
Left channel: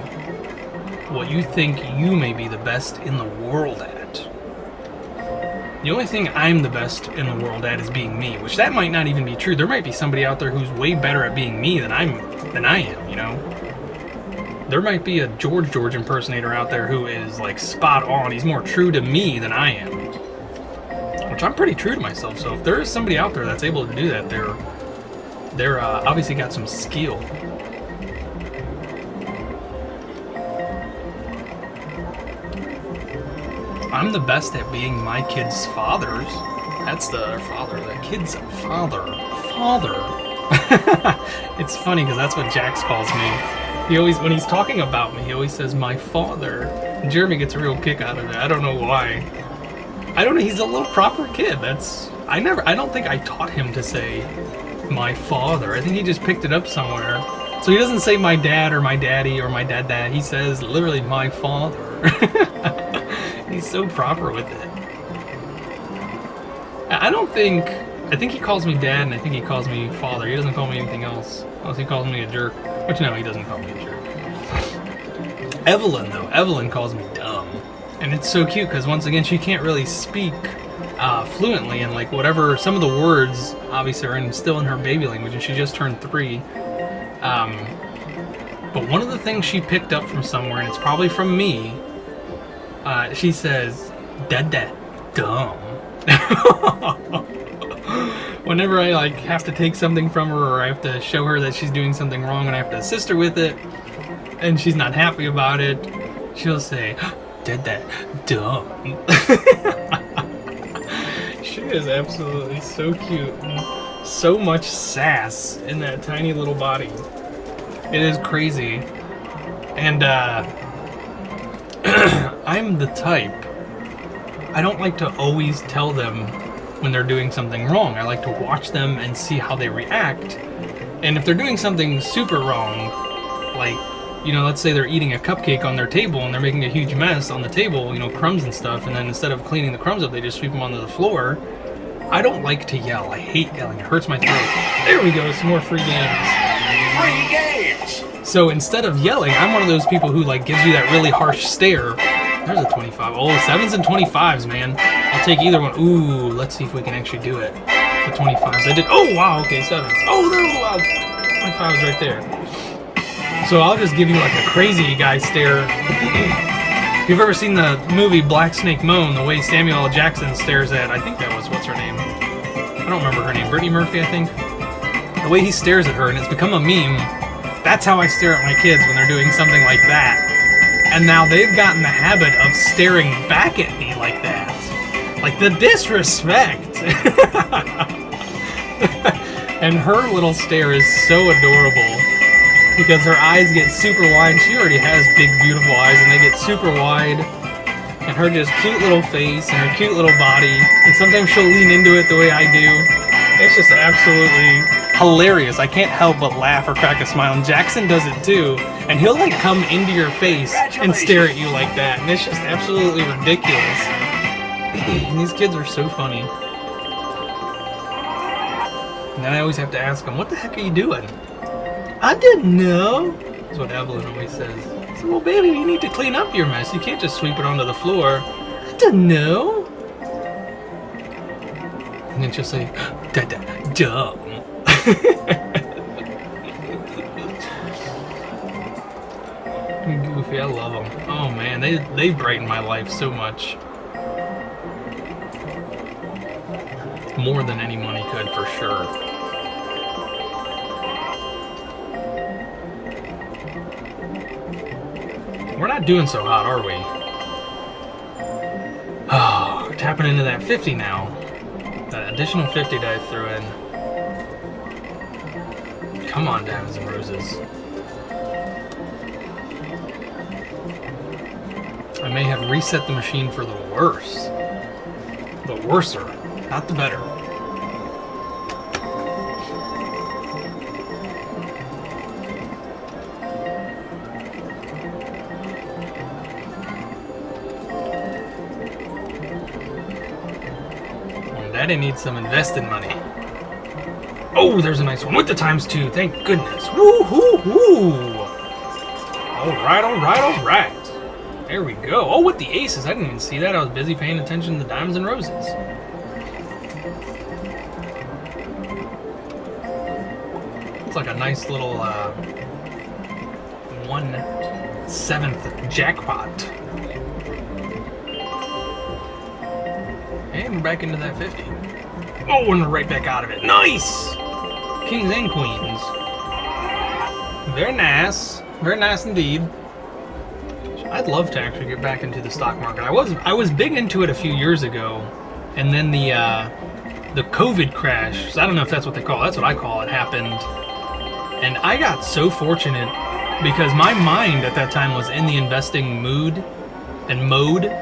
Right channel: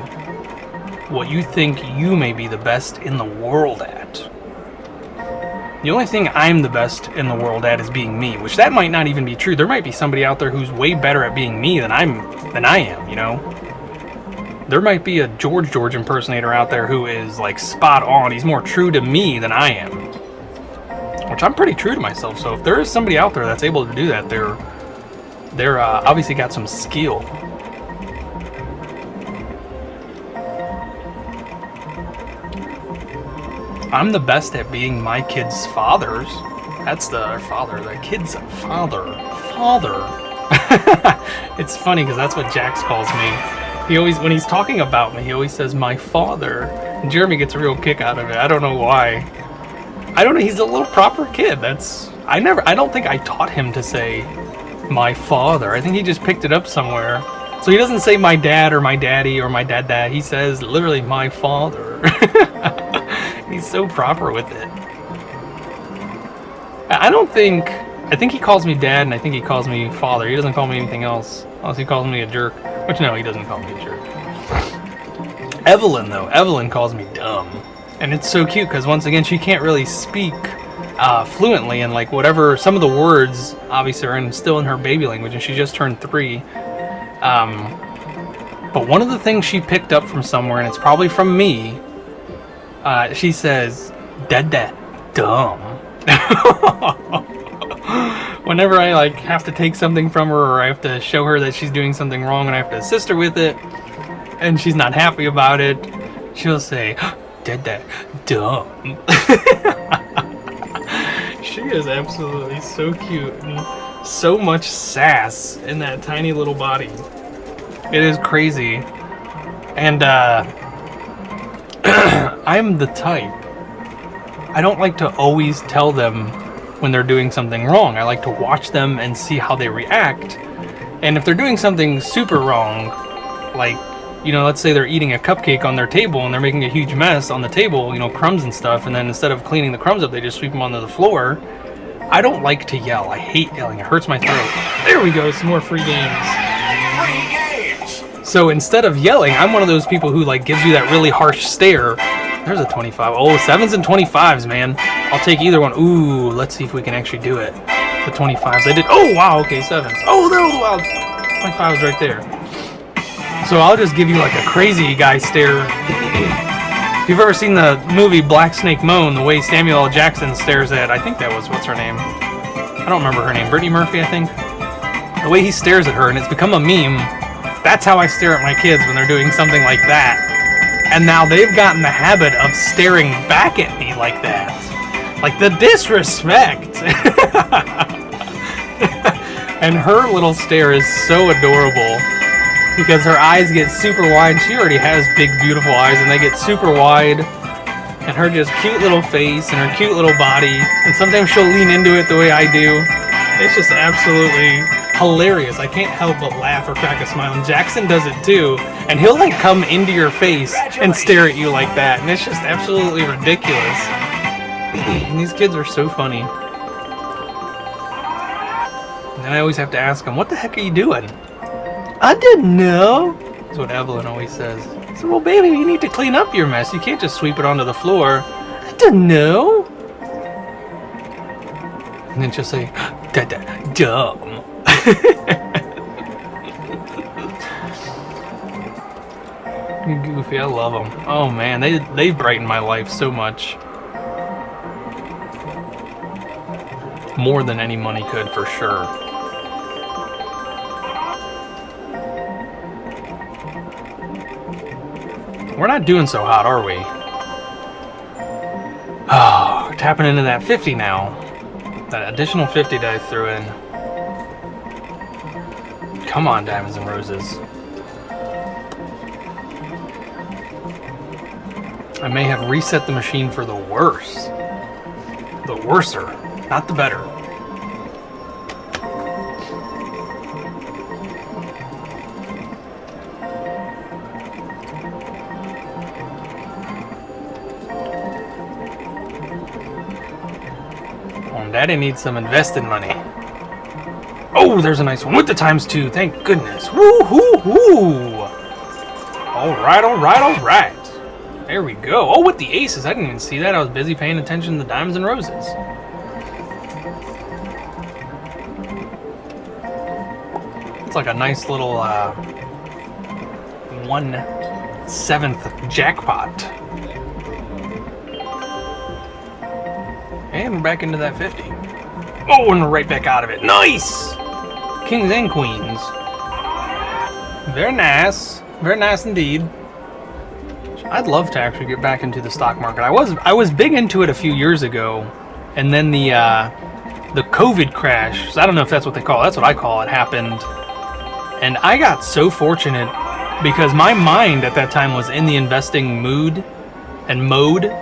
what you think you may be the best in the world at. The only thing I'm the best in the world at is being me, which that might not even be true. There might be somebody out there who's way better at being me than I am, you know? There might be a George impersonator out there who is like spot on. He's more true to me than I am. Which I'm pretty true to myself, so if there is somebody out there that's able to do that, they're obviously got some skill. I'm the best at being my kid's fathers. That's the kid's father. It's funny because that's what Jax calls me. He always, when he's talking about me, he always says my father. And Jeremy gets a real kick out of it. I don't know why. I don't know. He's a little proper kid. I don't think I taught him to say my father. I think he just picked it up somewhere. So he doesn't say my dad or my daddy or my dad. He says literally my father. He's so proper with it. I think he calls me dad, and I think he calls me father. He doesn't call me anything else. Unless he calls me a jerk. Which no, he doesn't call me a jerk. Evelyn calls me dumb. And it's so cute because once again, she can't really speak fluently, and like whatever, some of the words obviously are still in her baby language, and she just turned 3. But one of the things she picked up from somewhere, and it's probably from me, she says, Dada, dumb. Whenever I like have to take something from her, or I have to show her that she's doing something wrong and I have to assist her with it, and she's not happy about it, she'll say, Dada, dumb. She is absolutely so cute, and so much sass in that tiny little body. It is crazy. And I'm the type, I don't like to always tell them when they're doing something wrong. I like to watch them and see how they react. And if they're doing something super wrong, like, you know, let's say they're eating a cupcake on their table and they're making a huge mess on the table, you know, crumbs and stuff, and then instead of cleaning the crumbs up, they just sweep them onto the floor. I don't like to yell. I hate yelling. It hurts my throat. There we go, some more free games. So instead of yelling, I'm one of those people who like gives you that really harsh stare. There's a 25. Oh, 7s and 25s, man. I'll take either one. Ooh, let's see if we can actually do it. The 25s. I did. Oh, wow. Okay, 7s. Oh, there was wow. 25s right there. So I'll just give you like a crazy guy stare. If you've ever seen the movie Black Snake Moan, the way Samuel L. Jackson stares at, I think that was, what's her name? I don't remember her name. Brittany Murphy, I think. The way he stares at her, and it's become a meme. That's how I stare at my kids when they're doing something like that. And now they've gotten the habit of staring back at me like that. Like the disrespect. And her little stare is so adorable because her eyes get super wide. She already has big, beautiful eyes, and they get super wide. And her just cute little face and her cute little body. And sometimes she'll lean into it the way I do. It's just absolutely hilarious. I can't help but laugh or crack a smile. And Jackson does it too. And he'll like come into your face and stare at you like that. And it's just absolutely ridiculous. These kids are so funny. And then I always have to ask them, what the heck are you doing? I didn't know. That's what Evelyn always says. I said, well, baby, you need to clean up your mess. You can't just sweep it onto the floor. I didn't know. And then she'll say, dumb. Goofy, I love them. Oh man, they brighten my life so much. More than any money could, for sure. We're not doing so hot, are we? Oh, tapping into that 50 now. That additional 50 that I threw in. Come on, Diamonds and Roses. I may have reset the machine for the worse. The worser, not the better. Well, Daddy needs some invested money. Oh, there's a nice one with the ×2. Thank goodness. Woo-hoo-hoo. All right, all right, all right. There we go. Oh, with the aces. I didn't even see that. I was busy paying attention to the Diamonds and Roses. It's like a nice little 1/7 jackpot. And we're back into that 50. Oh, and we're right back out of it. Nice! Kings and queens. Very nice. Very nice indeed. I'd love to actually get back into the stock market. I was big into it a few years ago, and then the COVID crash, I don't know if that's what they call it, that's what I call it, happened. And I got so fortunate because my mind at that time was in the investing mood and mode.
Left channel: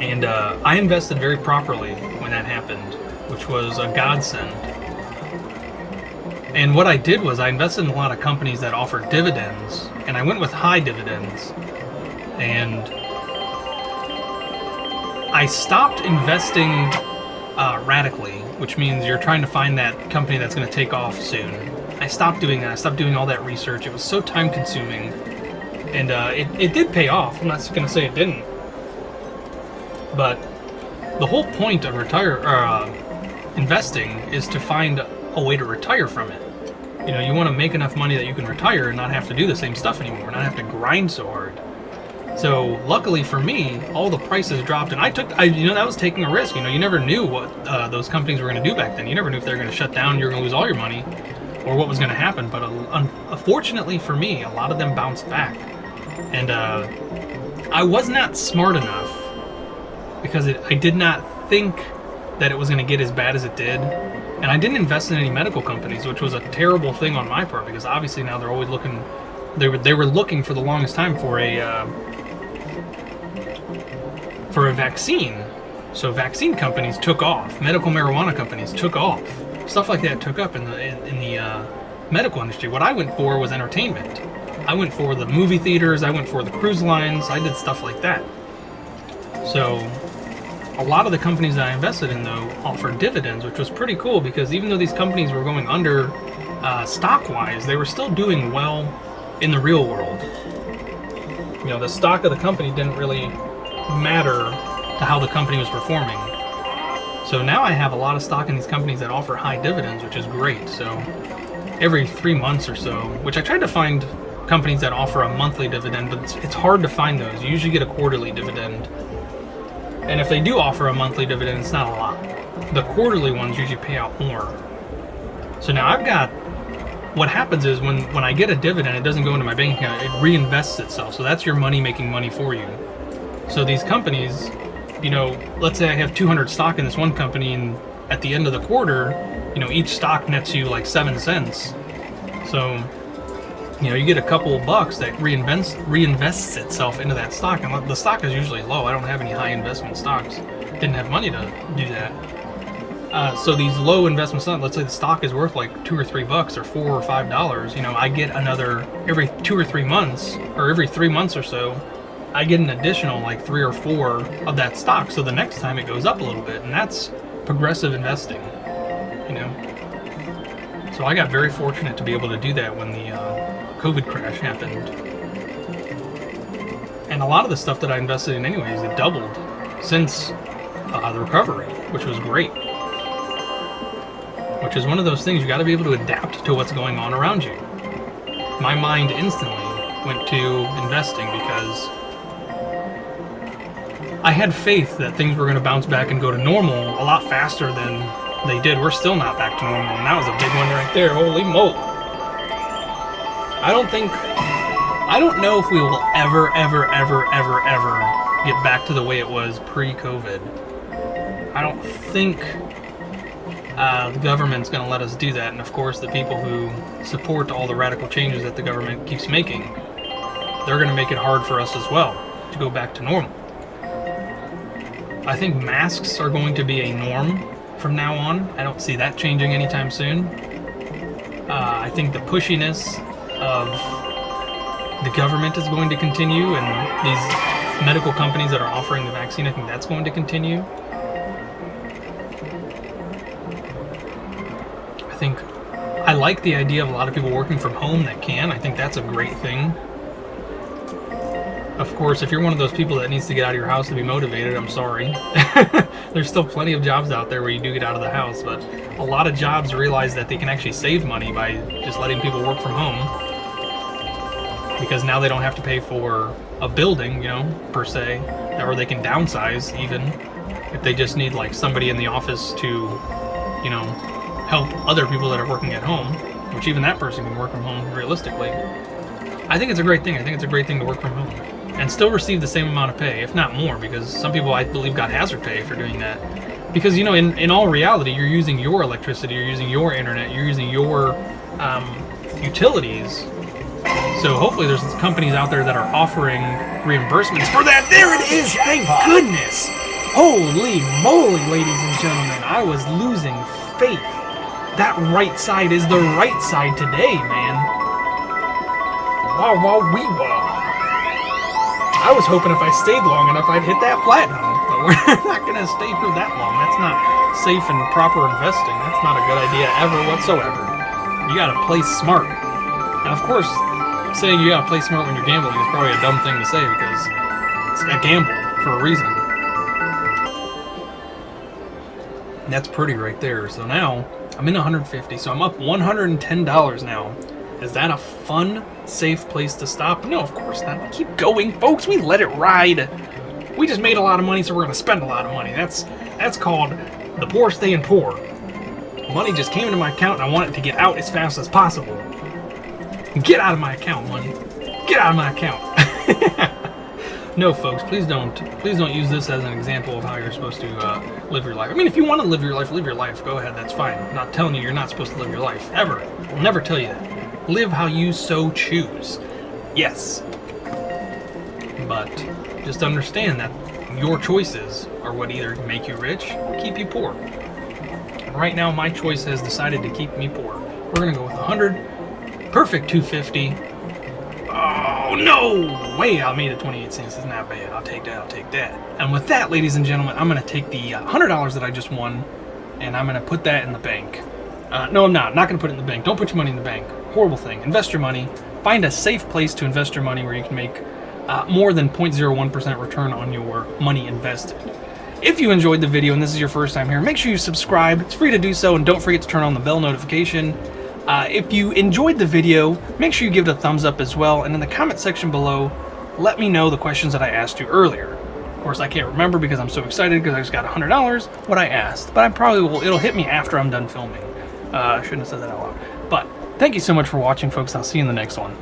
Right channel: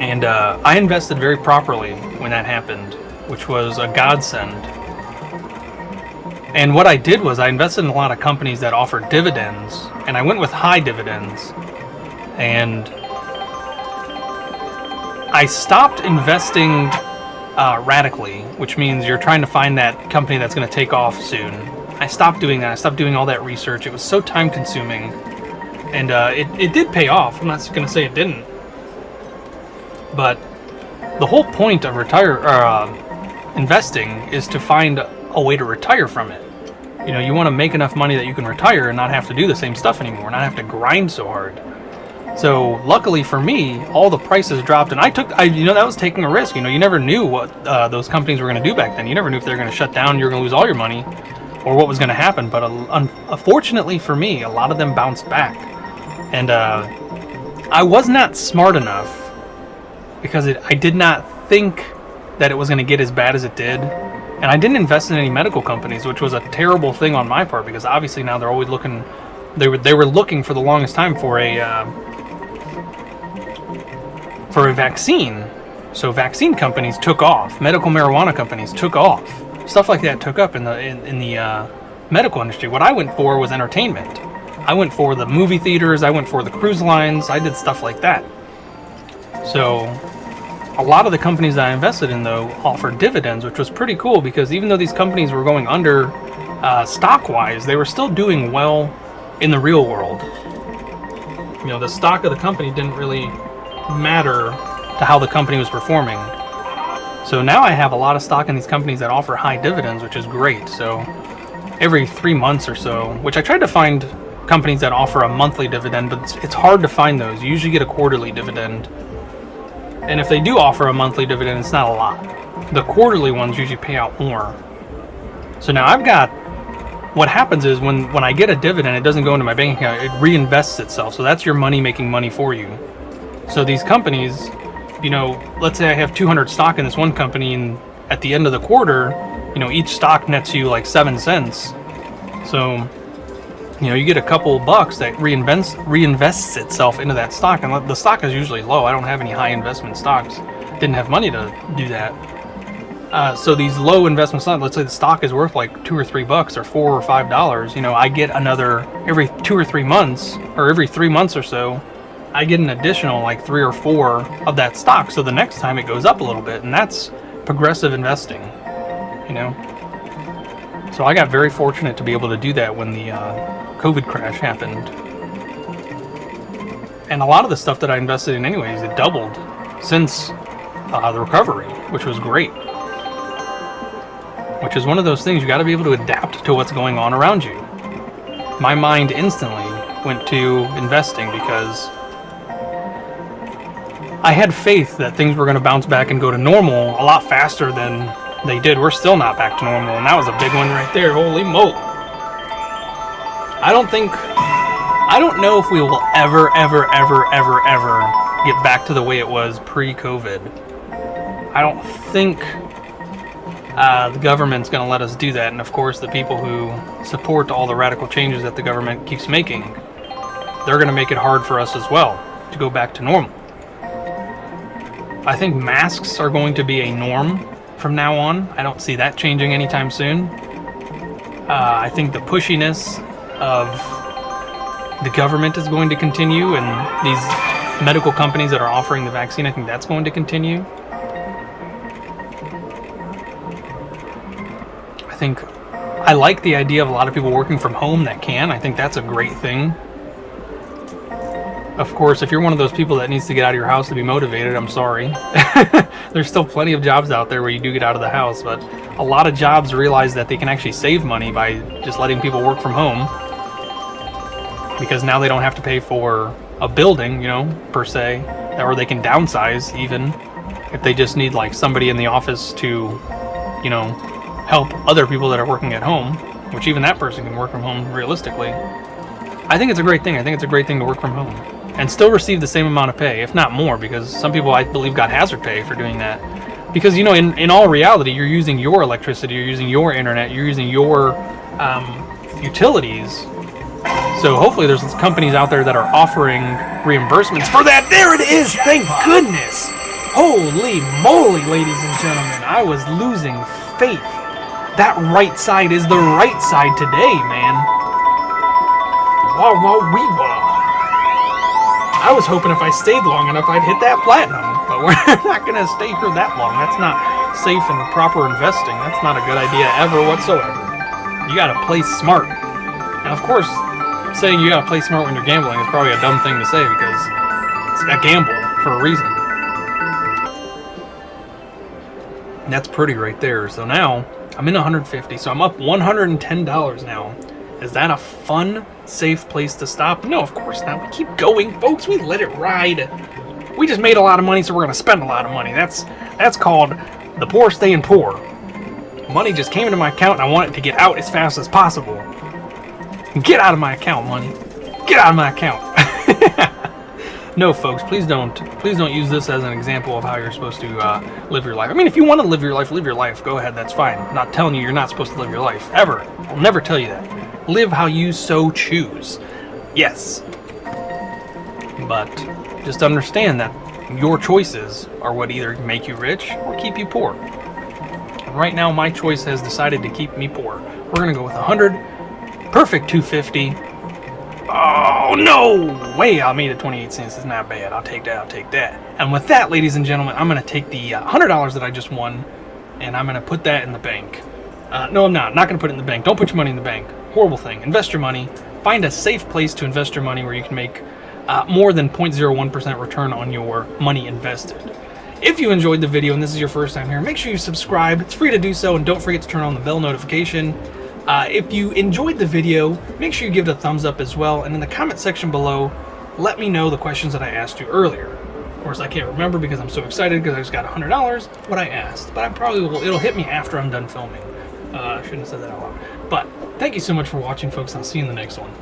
And I invested very properly when that happened, which was a godsend. And what I did was I invested in a lot of companies that offered dividends, and I went with high dividends. And I stopped investing radically, which means you're trying to find that company that's going to take off soon. I stopped doing that. I stopped doing all that research. It was so time consuming. And it did pay off. I'm not going to say it didn't. But the whole point of investing is to find a way to retire from it. You know, you want to make enough money that you can retire and not have to do the same stuff anymore, not have to grind so hard. So luckily for me, all the prices dropped, and that was taking a risk. You know, you never knew what those companies were going to do back then. You never knew if they were going to shut down, you were going to lose all your money, or what was going to happen. But unfortunately for me, a lot of them bounced back, and I was not smart enough because I did not think that it was going to get as bad as it did. And I didn't invest in any medical companies, which was a terrible thing on my part because obviously now they're always looking. They were looking for the longest time for a vaccine. So vaccine companies took off. Medical marijuana companies took off. Stuff like that took up in the medical industry. What I went for was entertainment. I went for the movie theaters. I went for the cruise lines. I did stuff like that. So a lot of the companies that I invested in, though, offered dividends, which was pretty cool because even though these companies were going under, stock-wise, they were still doing well in the real world. You know, the stock of the company didn't really matter to how the company was performing. So now I have a lot of stock in these companies that offer high dividends, which is great. So every 3 months or so, which I tried to find companies that offer a monthly dividend, but it's hard to find those. You usually get a quarterly dividend. And if they do offer a monthly dividend, it's not a lot. The quarterly ones usually pay out more. So now I've got, what happens is when I get a dividend, it doesn't go into my bank account, it reinvests itself. So that's your money making money for you. So these companies, you know, let's say I have 200 stock in this one company, and at the end of the quarter, you know, each stock nets you like 7 cents. So, you know, you get a couple bucks that reinvests itself into that stock. And the stock is usually low. I don't have any high investment stocks. Didn't have money to do that. So these low investment stocks, let's say the stock is worth like $2 or $3 or $4 or $5. You know, I get another every 2 or 3 months, or every 3 months or so, I get an additional like 3 or 4 of that stock. So the next time it goes up a little bit, and that's progressive investing, you know. So I got very fortunate to be able to do that when the COVID crash happened. And a lot of the stuff that I invested in anyways, it doubled since the recovery, which was great. Which is one of those things, you got to be able to adapt to what's going on around you. My mind instantly went to investing because I had faith that things were going to bounce back and go to normal a lot faster than they did. We're still not back to normal, and that was a big one right there. Holy moly. I don't know if we will ever get back to the way it was pre-COVID. I don't think the government's going to let us do that. And of course, the people who support all the radical changes that the government keeps making, they're going to make it hard for us as well to go back to normal. I think masks are going to be a norm from now on. I don't see that changing anytime soon. I think the pushiness of the government is going to continue, and these medical companies that are offering the vaccine, I think that's going to continue. I like the idea of a lot of people working from home that can. I think that's a great thing. Of course, if you're one of those people that needs to get out of your house to be motivated, I'm sorry. There's still plenty of jobs out there where you do get out of the house, but a lot of jobs realize that they can actually save money by just letting people work from home, because now they don't have to pay for a building, you know, per se, or they can downsize even if they just need like somebody in the office to, you know, help other people that are working at home, which even that person can work from home realistically. I think it's a great thing. I think it's a great thing to work from home and still receive the same amount of pay, if not more, because some people, I believe, got hazard pay for doing that. Because, you know, in all reality, you're using your electricity, you're using your internet, you're using your utilities. So hopefully there's companies out there that are offering reimbursements for that. There it is! Thank goodness! Holy moly, ladies and gentlemen. I was losing faith. That right side is the right side today, man. Wow, wow, wee, wow. I was hoping if I stayed long enough, I'd hit that platinum. But we're not going to stay here that long. That's not safe and proper investing. That's not a good idea ever whatsoever. You got to play smart. And of course, saying you got to play smart when you're gambling is probably a dumb thing to say, because it's a gamble for a reason. And that's pretty right there. So now I'm in 150, so I'm up $110 now. Is that a fun, safe place to stop? No, of course not. We keep going, folks. We let it ride. We just made a lot of money, so we're going to spend a lot of money. That's called the poor staying poor. Money just came into my account, and I want it to get out as fast as possible. Get out of my account, money. Get out of my account. No, folks, please don't use this as an example of how you're supposed to live your life. I mean, if you want to live your life, go ahead, that's fine. I'm not telling you you're not supposed to live your life, ever. I'll never tell you that. Live how you so choose. Yes. But just understand that your choices are what either make you rich or keep you poor. Right now, my choice has decided to keep me poor. We're going to go with 100. Perfect 250. Oh, no way. I made it 28 cents. It's not bad. I'll take that. And with that, ladies and gentlemen, I'm going to take the $100 that I just won, and I'm going to put that in the bank. No, I'm not. Not going to put it in the bank. Don't put your money in the bank. Horrible thing. Invest your money. Find a safe place to invest your money where you can make more than 0.01% return on your money invested. If you enjoyed the video and this is your first time here, make sure you subscribe. It's free to do so, and don't forget to turn on the bell notification. If you enjoyed the video, make sure you give it a thumbs up as well, and in the comment section below, let me know the questions that I asked you earlier. Of course, I can't remember because I'm so excited because I just got $100 what I asked, but I probably will. It'll hit me after I'm done filming. I shouldn't have said that out loud. But thank you so much for watching, folks. I'll see you in the next one.